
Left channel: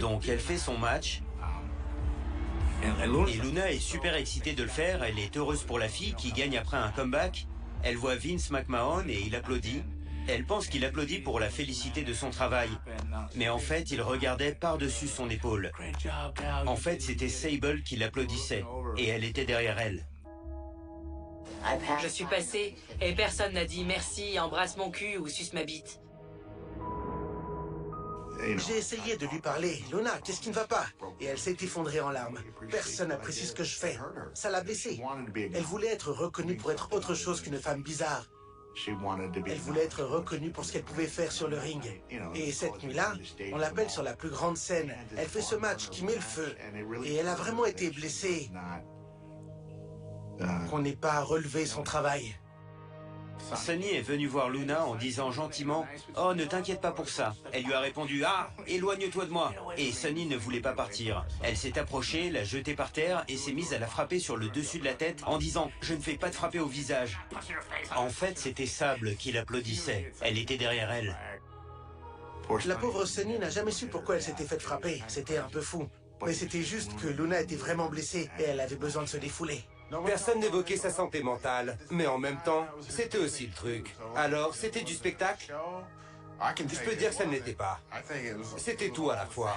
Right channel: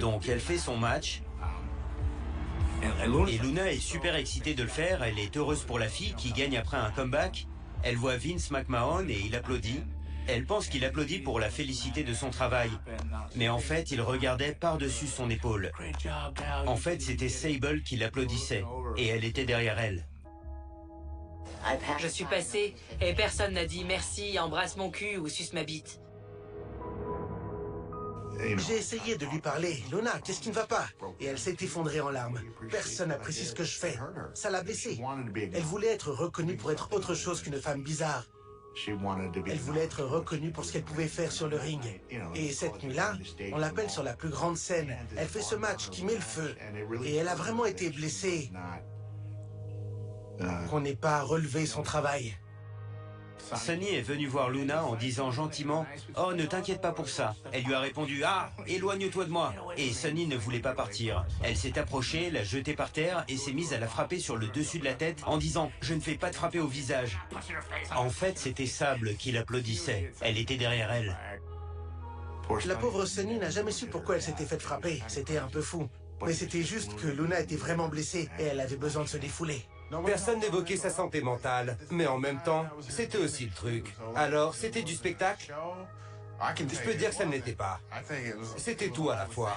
Donc elle fait son match. Et Luna est super excitée de le faire. Elle est heureuse pour la fille qui gagne après un comeback. Elle voit Vince McMahon et il applaudit. Elle pense qu'il applaudit pour la félicité de son travail. Mais en fait, il regardait par-dessus son épaule. En fait, c'était Sable qui l'applaudissait. Et elle était derrière elle. Je suis passé et personne n'a dit merci, embrasse mon cul ou suce ma bite. J'ai essayé de lui parler. Luna, qu'est-ce qui ne va pas? Et elle s'est effondrée en larmes. Personne n'apprécie ce que je fais. Ça l'a blessée. Elle voulait être reconnue pour être autre chose qu'une femme bizarre. Elle voulait être reconnue pour ce qu'elle pouvait faire sur le ring. Et cette nuit-là, on l'appelle sur la plus grande scène. Elle fait ce match qui met le feu. Et elle a vraiment été blessée. Qu'on n'ait pas relevé son travail. Sunny est venue voir Luna en disant gentiment « Oh, ne t'inquiète pas pour ça ». Elle lui a répondu « Ah, éloigne-toi de moi ». Et Sunny ne voulait pas partir. Elle s'est approchée, l'a jetée par terre et s'est mise à la frapper sur le dessus de la tête en disant « Je ne fais pas de frapper au visage ». En fait, c'était Sable qui l'applaudissait. Elle était derrière elle. La pauvre Sunny n'a jamais su pourquoi elle s'était faite frapper. C'était un peu fou. Mais c'était juste que Luna était vraiment blessée et elle avait besoin de se défouler. Personne n'évoquait sa santé mentale, mais en même temps, c'était aussi le truc. Alors, c'était du spectacle? Je peux dire que ça ne l'était pas. C'était tout à la fois.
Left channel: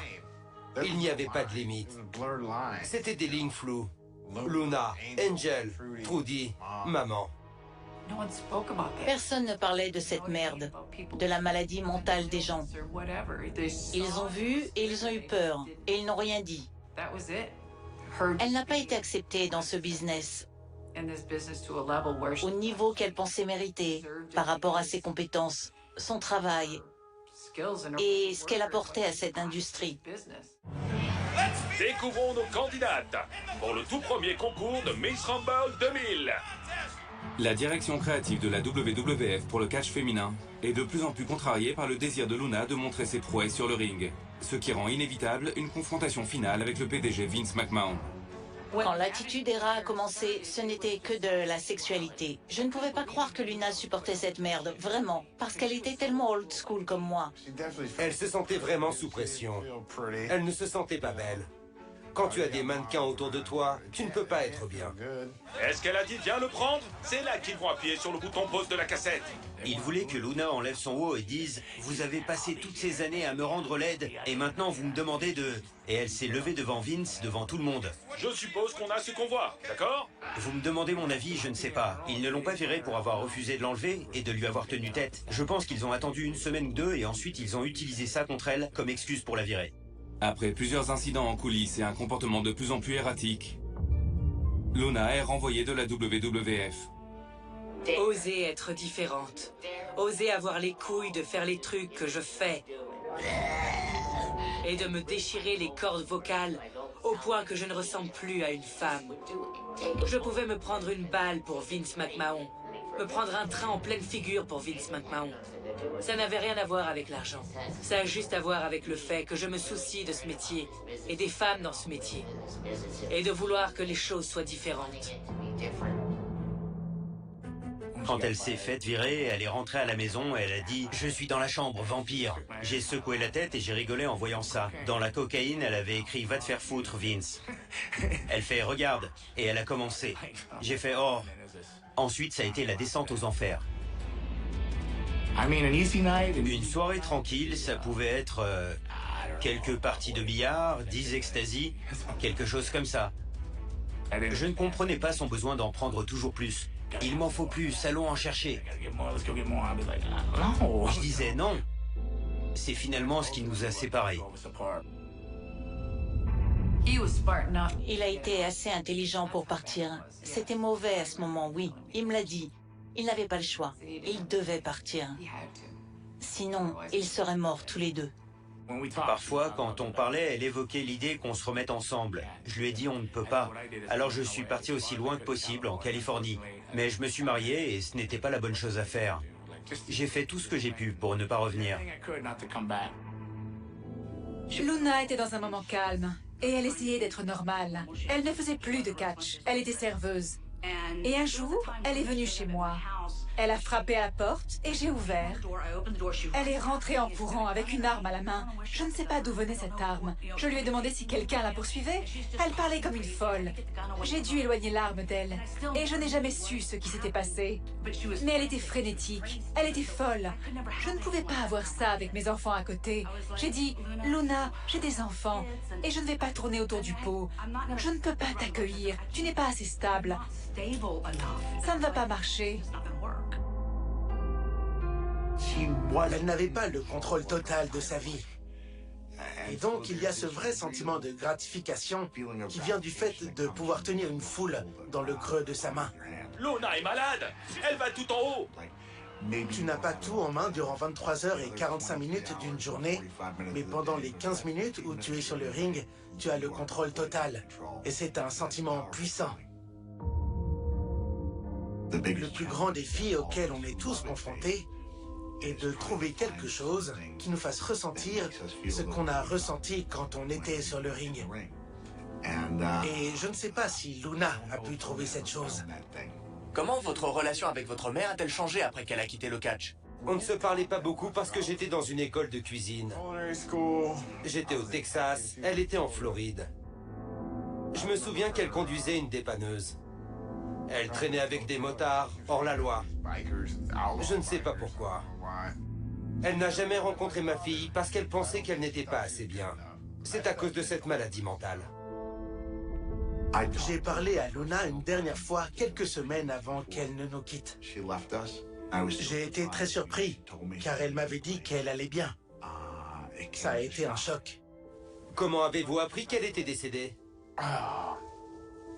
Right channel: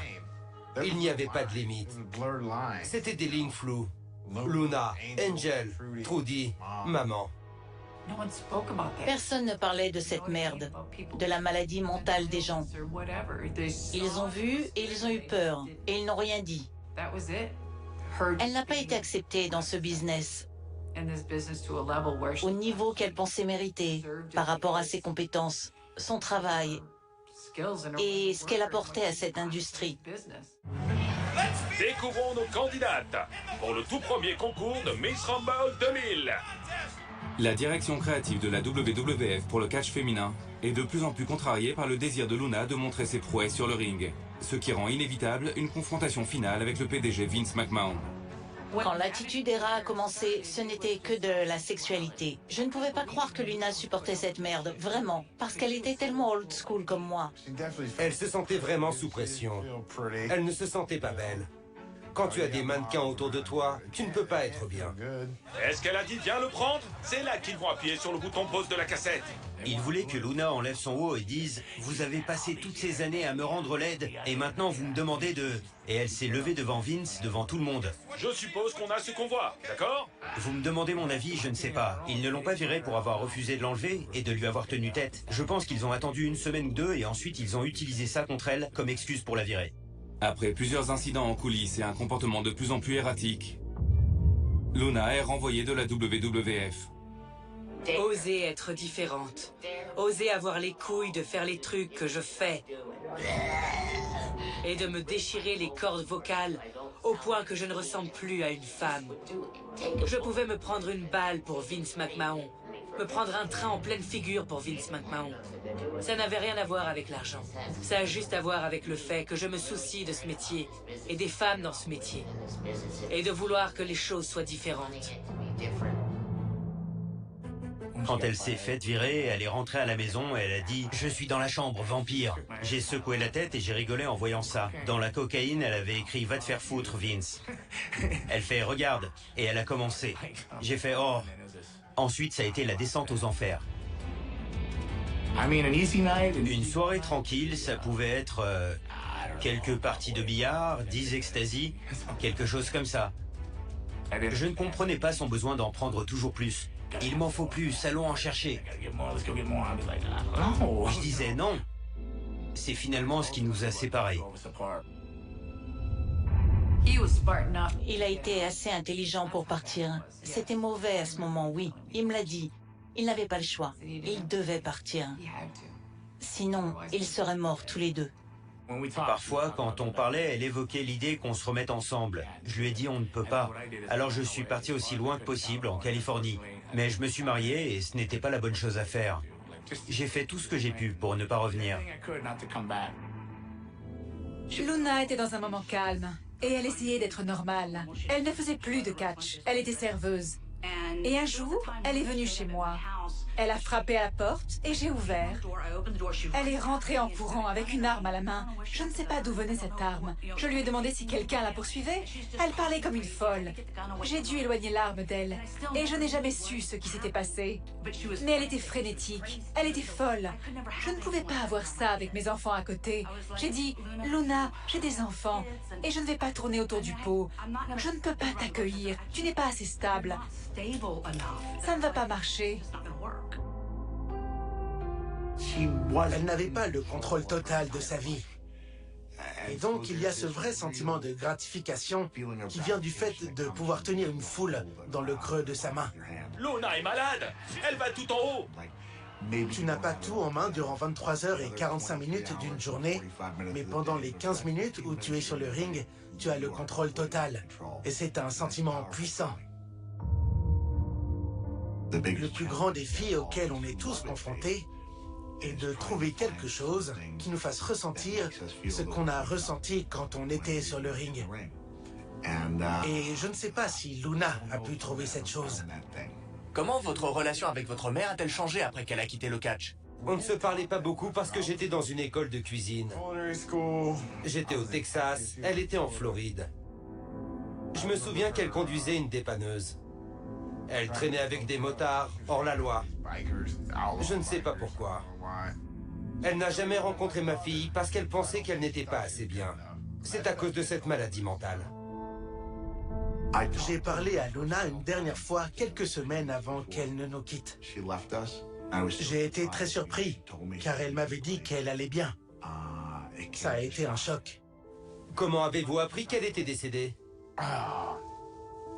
Il n'y avait pas de limite. C'était des lignes floues. Luna, Angel, Trudy, maman. Personne ne parlait de cette merde, de la maladie mentale des gens. Ils ont vu et ils ont eu peur, et ils n'ont rien dit. Elle n'a pas été acceptée dans ce business au niveau qu'elle pensait mériter par rapport à ses compétences, son travail et ce qu'elle apportait à cette industrie. Découvrons nos candidates pour le tout premier concours de Miss Rumble 2000. La direction créative de la WWF pour le catch féminin est de plus en plus contrariée par le désir de Luna de montrer ses prouesses sur le ring, ce qui rend inévitable une confrontation finale avec le PDG Vince McMahon. Quand l'attitude Era a commencé, ce n'était que de la sexualité. Je ne pouvais pas croire que Luna supportait cette merde, vraiment, parce qu'elle était tellement old school comme moi. Elle se sentait vraiment sous pression. Elle ne se sentait pas belle. Quand tu as des mannequins autour de toi, tu ne peux pas être bien. Est-ce qu'elle a dit viens le prendre? C'est là qu'ils vont appuyer sur le bouton pause de la cassette. Il voulait que Luna enlève son haut et dise « Vous avez passé toutes ces années à me rendre laide et maintenant vous me demandez de... » Et elle s'est levée devant Vince, devant tout le monde. Je suppose qu'on a ce qu'on voit, d'accord? Vous me demandez mon avis, je ne sais pas. Ils ne l'ont pas virée pour avoir refusé de l'enlever et de lui avoir tenu tête. Je pense qu'ils ont attendu une semaine ou deux et ensuite ils ont utilisé ça contre elle comme excuse pour la virer. Après plusieurs incidents en coulisses et un comportement de plus en plus erratique, Luna est renvoyée de la WWF. Oser être différente. Oser avoir les couilles de faire les trucs que je fais. Et de me déchirer les cordes vocales au point que je ne ressemble plus à une femme. Je pouvais me prendre une balle pour Vince McMahon. Me prendre un train en pleine figure pour Vince McMahon. Ça n'avait rien à voir avec l'argent. Ça a juste à voir avec le fait que je me soucie de ce métier et des femmes dans ce métier. Et de vouloir que les choses soient différentes. Quand elle s'est faite virer, elle est rentrée à la maison et elle a dit « Je suis dans la chambre, vampire ». J'ai secoué la tête et j'ai rigolé en voyant ça. Dans la cocaïne, elle avait écrit « Va te faire foutre, Vince ». Elle fait « Regarde » et elle a commencé. J'ai fait « Oh ». Ensuite, ça a été la descente aux enfers. Une soirée tranquille, ça pouvait être quelques parties de billard, 10 ecstasy, quelque chose comme ça. Je ne comprenais pas son besoin d'en prendre toujours plus. Il m'en faut plus, allons en chercher. Je disais non. C'est finalement ce qui nous a séparés. Il a été assez intelligent pour partir. C'était mauvais à ce moment, oui. Il me l'a dit. Il n'avait pas le choix. Il devait partir. Sinon, ils seraient morts tous les deux. Parfois, quand on parlait, elle évoquait l'idée qu'on se remette ensemble. Je lui ai dit on ne peut pas. Alors je suis parti aussi loin que possible, en Californie. Mais je me suis marié et ce n'était pas la bonne chose à faire. J'ai fait tout ce que j'ai pu pour ne pas revenir. Luna était dans un moment calme et elle essayait d'être normale. Elle ne faisait plus de catch, elle était serveuse. Et un jour, elle est venue chez moi. Elle a frappé à la porte et j'ai ouvert. Elle est rentrée en courant avec une arme à la main. Je ne sais pas d'où venait cette arme. Je lui ai demandé si quelqu'un la poursuivait. Elle parlait comme une folle. J'ai dû éloigner l'arme d'elle. Et je n'ai jamais su ce qui s'était passé. Mais elle était frénétique. Elle était folle. Je ne pouvais pas avoir ça avec mes enfants à côté. J'ai dit, Luna, j'ai des enfants. Et je ne vais pas tourner autour du pot. Je ne peux pas t'accueillir. Tu n'es pas assez stable. Ça ne va pas marcher. Elle n'avait pas le contrôle total de sa vie. Et donc, il y a ce vrai sentiment de gratification qui vient du fait de pouvoir tenir une foule dans le creux de sa main. Luna est malade. Elle va tout en haut. Tu n'as pas tout en main durant 23 heures et 45 minutes d'une journée, mais pendant les 15 minutes où tu es sur le ring, tu as le contrôle total. Et c'est un sentiment puissant. Le plus grand défi auquel on est tous confrontés est de trouver quelque chose qui nous fasse ressentir ce qu'on a ressenti quand on était sur le ring. Et je ne sais pas si Luna a pu trouver cette chose. Comment votre relation avec votre mère a-t-elle changé après qu'elle a quitté le catch? On ne se parlait pas beaucoup parce que j'étais dans une école de cuisine. J'étais au Texas, elle était en Floride. Je me souviens qu'elle conduisait une dépanneuse. Elle traînait avec des motards, hors la loi. Je ne sais pas pourquoi. Elle n'a jamais rencontré ma fille parce qu'elle pensait qu'elle n'était pas assez bien. C'est à cause de cette maladie mentale. J'ai parlé à Luna une dernière fois, quelques semaines avant qu'elle ne nous quitte. J'ai été très surpris, car elle m'avait dit qu'elle allait bien. Ça a été un choc. Comment avez-vous appris qu'elle était décédée?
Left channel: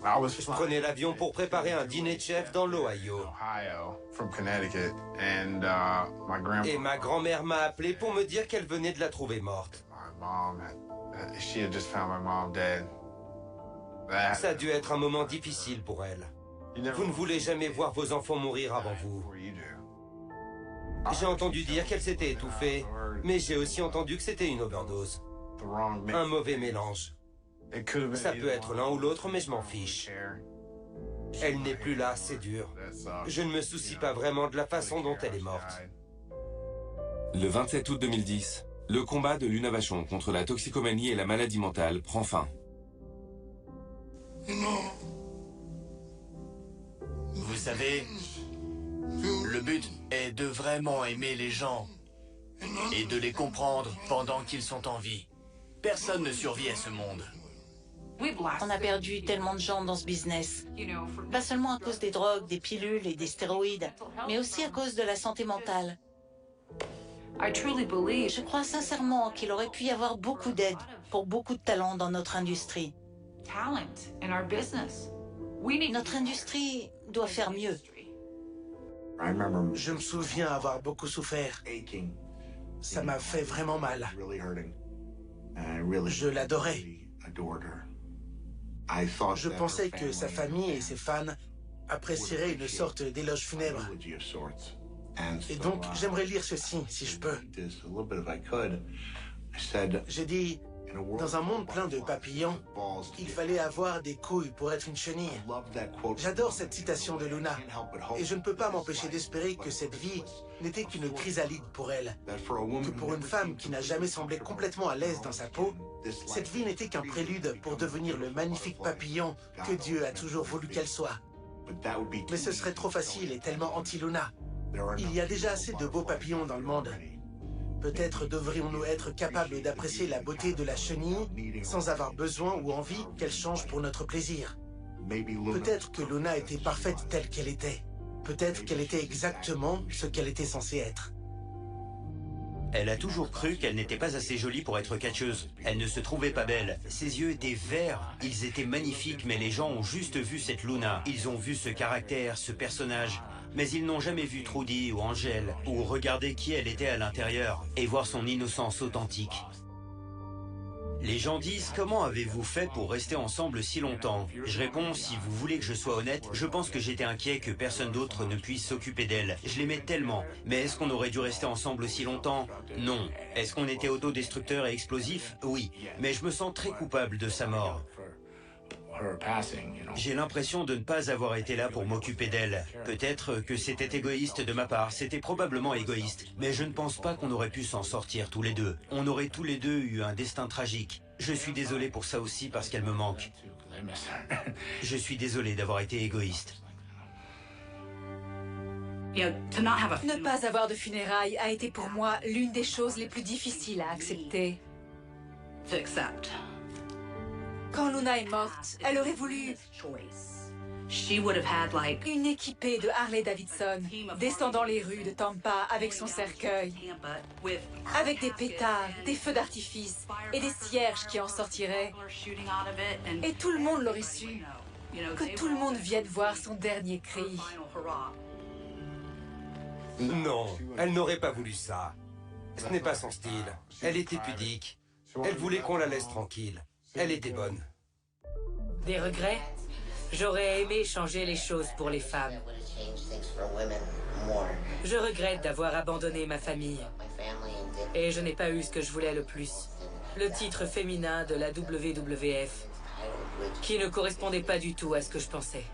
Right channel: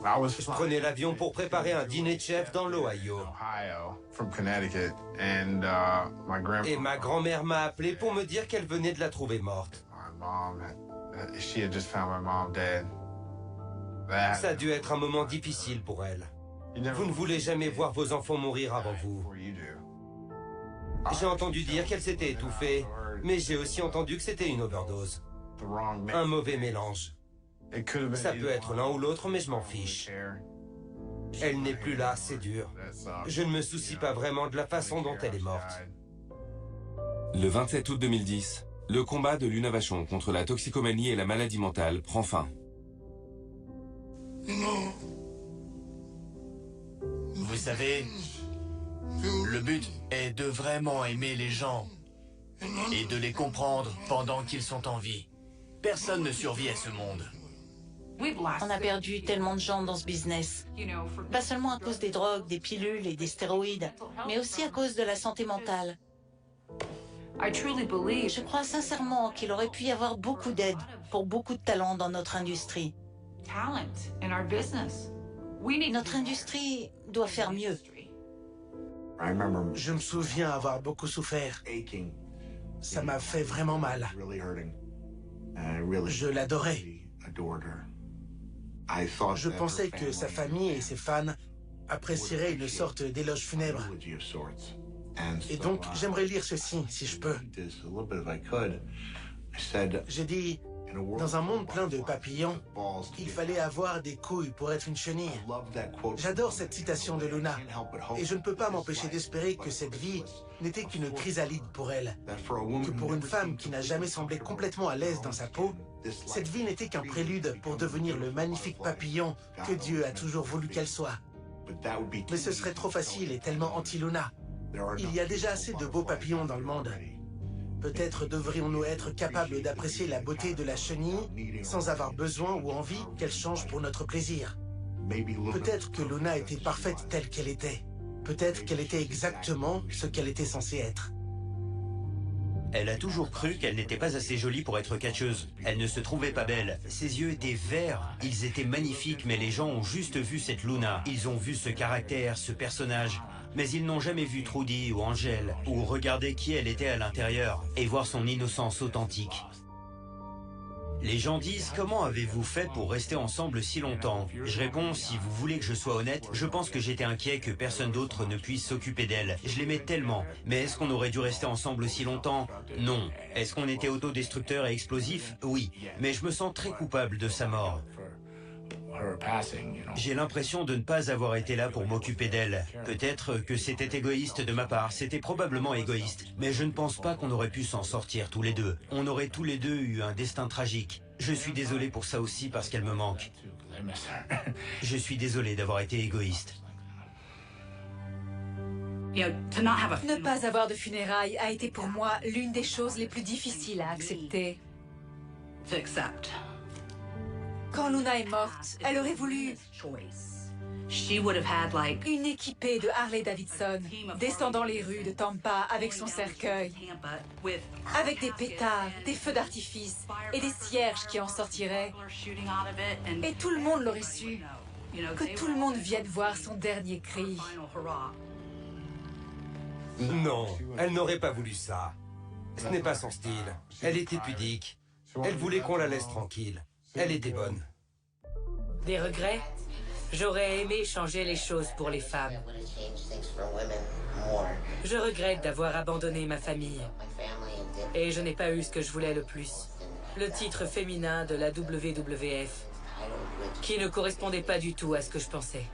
Je prenais l'avion pour préparer un dîner de chef dans l'Ohio. Et ma grand-mère m'a appelé pour me dire qu'elle venait de la trouver morte. Ça a dû être un moment difficile pour elle. Vous ne voulez jamais voir vos enfants mourir avant vous. J'ai entendu dire qu'elle s'était étouffée, mais j'ai aussi entendu que c'était une overdose. Un mauvais mélange. Ça peut être l'un ou l'autre, mais je m'en fiche. Elle n'est plus là, c'est dur. Je ne me soucie pas vraiment de la façon dont elle est morte. Le 27 août 2010, le combat de Luna Vachon contre la toxicomanie et la maladie mentale prend fin. Vous savez, le but est de vraiment aimer les gens et de les comprendre pendant qu'ils sont en vie. Personne ne survit à ce monde. On a perdu tellement de gens dans ce business. Pas seulement à cause des drogues, des pilules et des stéroïdes, mais aussi à cause de la santé mentale. Je crois sincèrement qu'il aurait pu y avoir beaucoup d'aide pour beaucoup de talents dans notre industrie. Notre industrie doit faire mieux. Je me souviens avoir beaucoup souffert. Ça m'a fait vraiment mal. Je l'adorais. Je pensais que sa famille et ses fans apprécieraient une sorte d'éloge funèbre. Et donc, j'aimerais lire ceci, si je peux. J'ai dit, dans un monde plein de papillons, il fallait avoir des couilles pour être une chenille. J'adore cette citation de Luna, et je ne peux pas m'empêcher d'espérer que cette vie n'était qu'une chrysalide pour elle. Que pour une femme qui n'a jamais semblé complètement à l'aise dans sa peau, cette vie n'était qu'un prélude pour devenir le magnifique papillon que Dieu a toujours voulu qu'elle soit. Mais ce serait trop facile et tellement anti-Luna. Il y a déjà assez de beaux papillons dans le monde. Peut-être devrions-nous être capables d'apprécier la beauté de la chenille sans avoir besoin ou envie qu'elle change pour notre plaisir. Peut-être que Luna était parfaite telle qu'elle était. Peut-être qu'elle était exactement ce qu'elle était censée être. Elle a toujours cru qu'elle n'était pas assez jolie pour être catcheuse. Elle ne se trouvait pas belle. Ses yeux étaient verts. Ils étaient magnifiques, mais les gens ont juste vu cette Luna. Ils ont vu ce caractère, ce personnage. Mais ils n'ont jamais vu Trudy ou Angèle, ou regardé qui elle était à l'intérieur, et voir son innocence authentique. Les gens disent « Comment avez-vous fait pour rester ensemble si longtemps ?» Je réponds « Si vous voulez que je sois honnête, je pense que j'étais inquiet que personne d'autre ne puisse s'occuper d'elle. Je l'aimais tellement. Mais est-ce qu'on aurait dû rester ensemble aussi longtemps? Non. Est-ce qu'on était autodestructeur et explosif? Oui. Mais je me sens très coupable de sa mort. J'ai l'impression de ne pas avoir été là pour m'occuper d'elle. Peut-être que c'était égoïste de ma part, c'était probablement égoïste. Mais je ne pense pas qu'on aurait pu s'en sortir tous les deux. On aurait tous les deux eu un destin tragique. Je suis désolé pour ça aussi parce qu'elle me manque. Je suis désolé d'avoir été égoïste. Ne pas avoir de funérailles a été pour moi l'une des choses les plus difficiles à accepter. Quand Luna est morte, elle aurait voulu une équipée de Harley-Davidson descendant les rues de Tampa avec son cercueil, avec des pétards, des feux d'artifice et des cierges qui en sortiraient. Et tout le monde l'aurait su, que tout le monde vienne voir son dernier cri. Non, elle n'aurait pas voulu ça. Ce n'est pas son style. Elle était pudique. Elle voulait qu'on la laisse tranquille. Elle était bonne. Des regrets? J'aurais aimé changer les choses pour les femmes. Je regrette d'avoir abandonné ma famille. Et je n'ai pas eu ce que je voulais le plus. Le titre féminin de la WWF, qui ne correspondait pas du tout à ce que je pensais.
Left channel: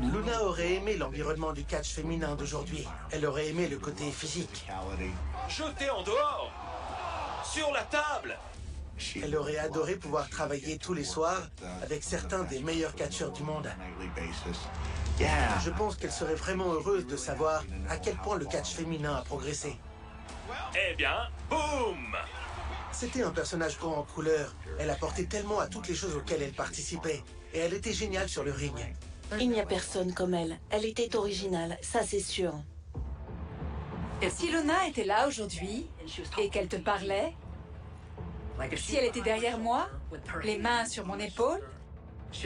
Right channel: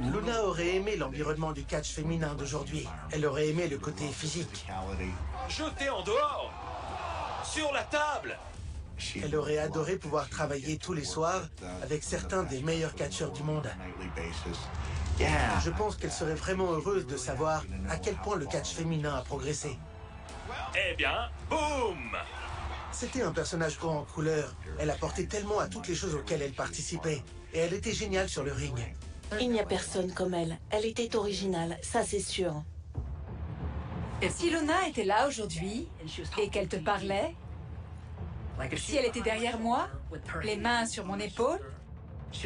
Luna aurait aimé l'environnement du catch féminin d'aujourd'hui. Elle aurait aimé le côté physique. Jetez en dehors! Sur la table! Elle aurait adoré pouvoir travailler tous les soirs avec certains des meilleurs catcheurs du monde. Je pense qu'elle serait vraiment heureuse de savoir à quel point le catch féminin a progressé. Eh bien, boum! C'était un personnage haut en couleur. Elle apportait tellement à toutes les choses auxquelles elle participait. Et elle était géniale sur le ring. Il n'y a personne comme elle. Elle était originale, ça c'est sûr. Si Luna était là aujourd'hui et qu'elle te parlait, si elle était derrière moi, les mains sur mon épaule,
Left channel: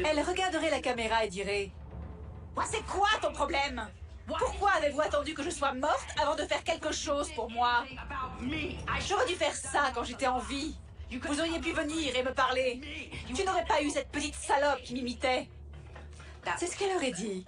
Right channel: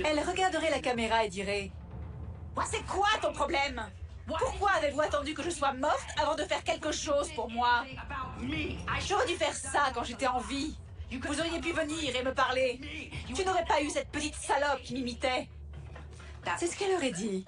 elle regarderait la caméra et dirait « C'est quoi ton problème? Pourquoi avez-vous attendu que je sois morte avant de faire quelque chose pour moi? J'aurais dû faire ça quand j'étais en vie. Vous auriez pu venir et me parler. Tu n'aurais pas eu cette petite salope qui m'imitait. » C'est ce qu'elle aurait dit.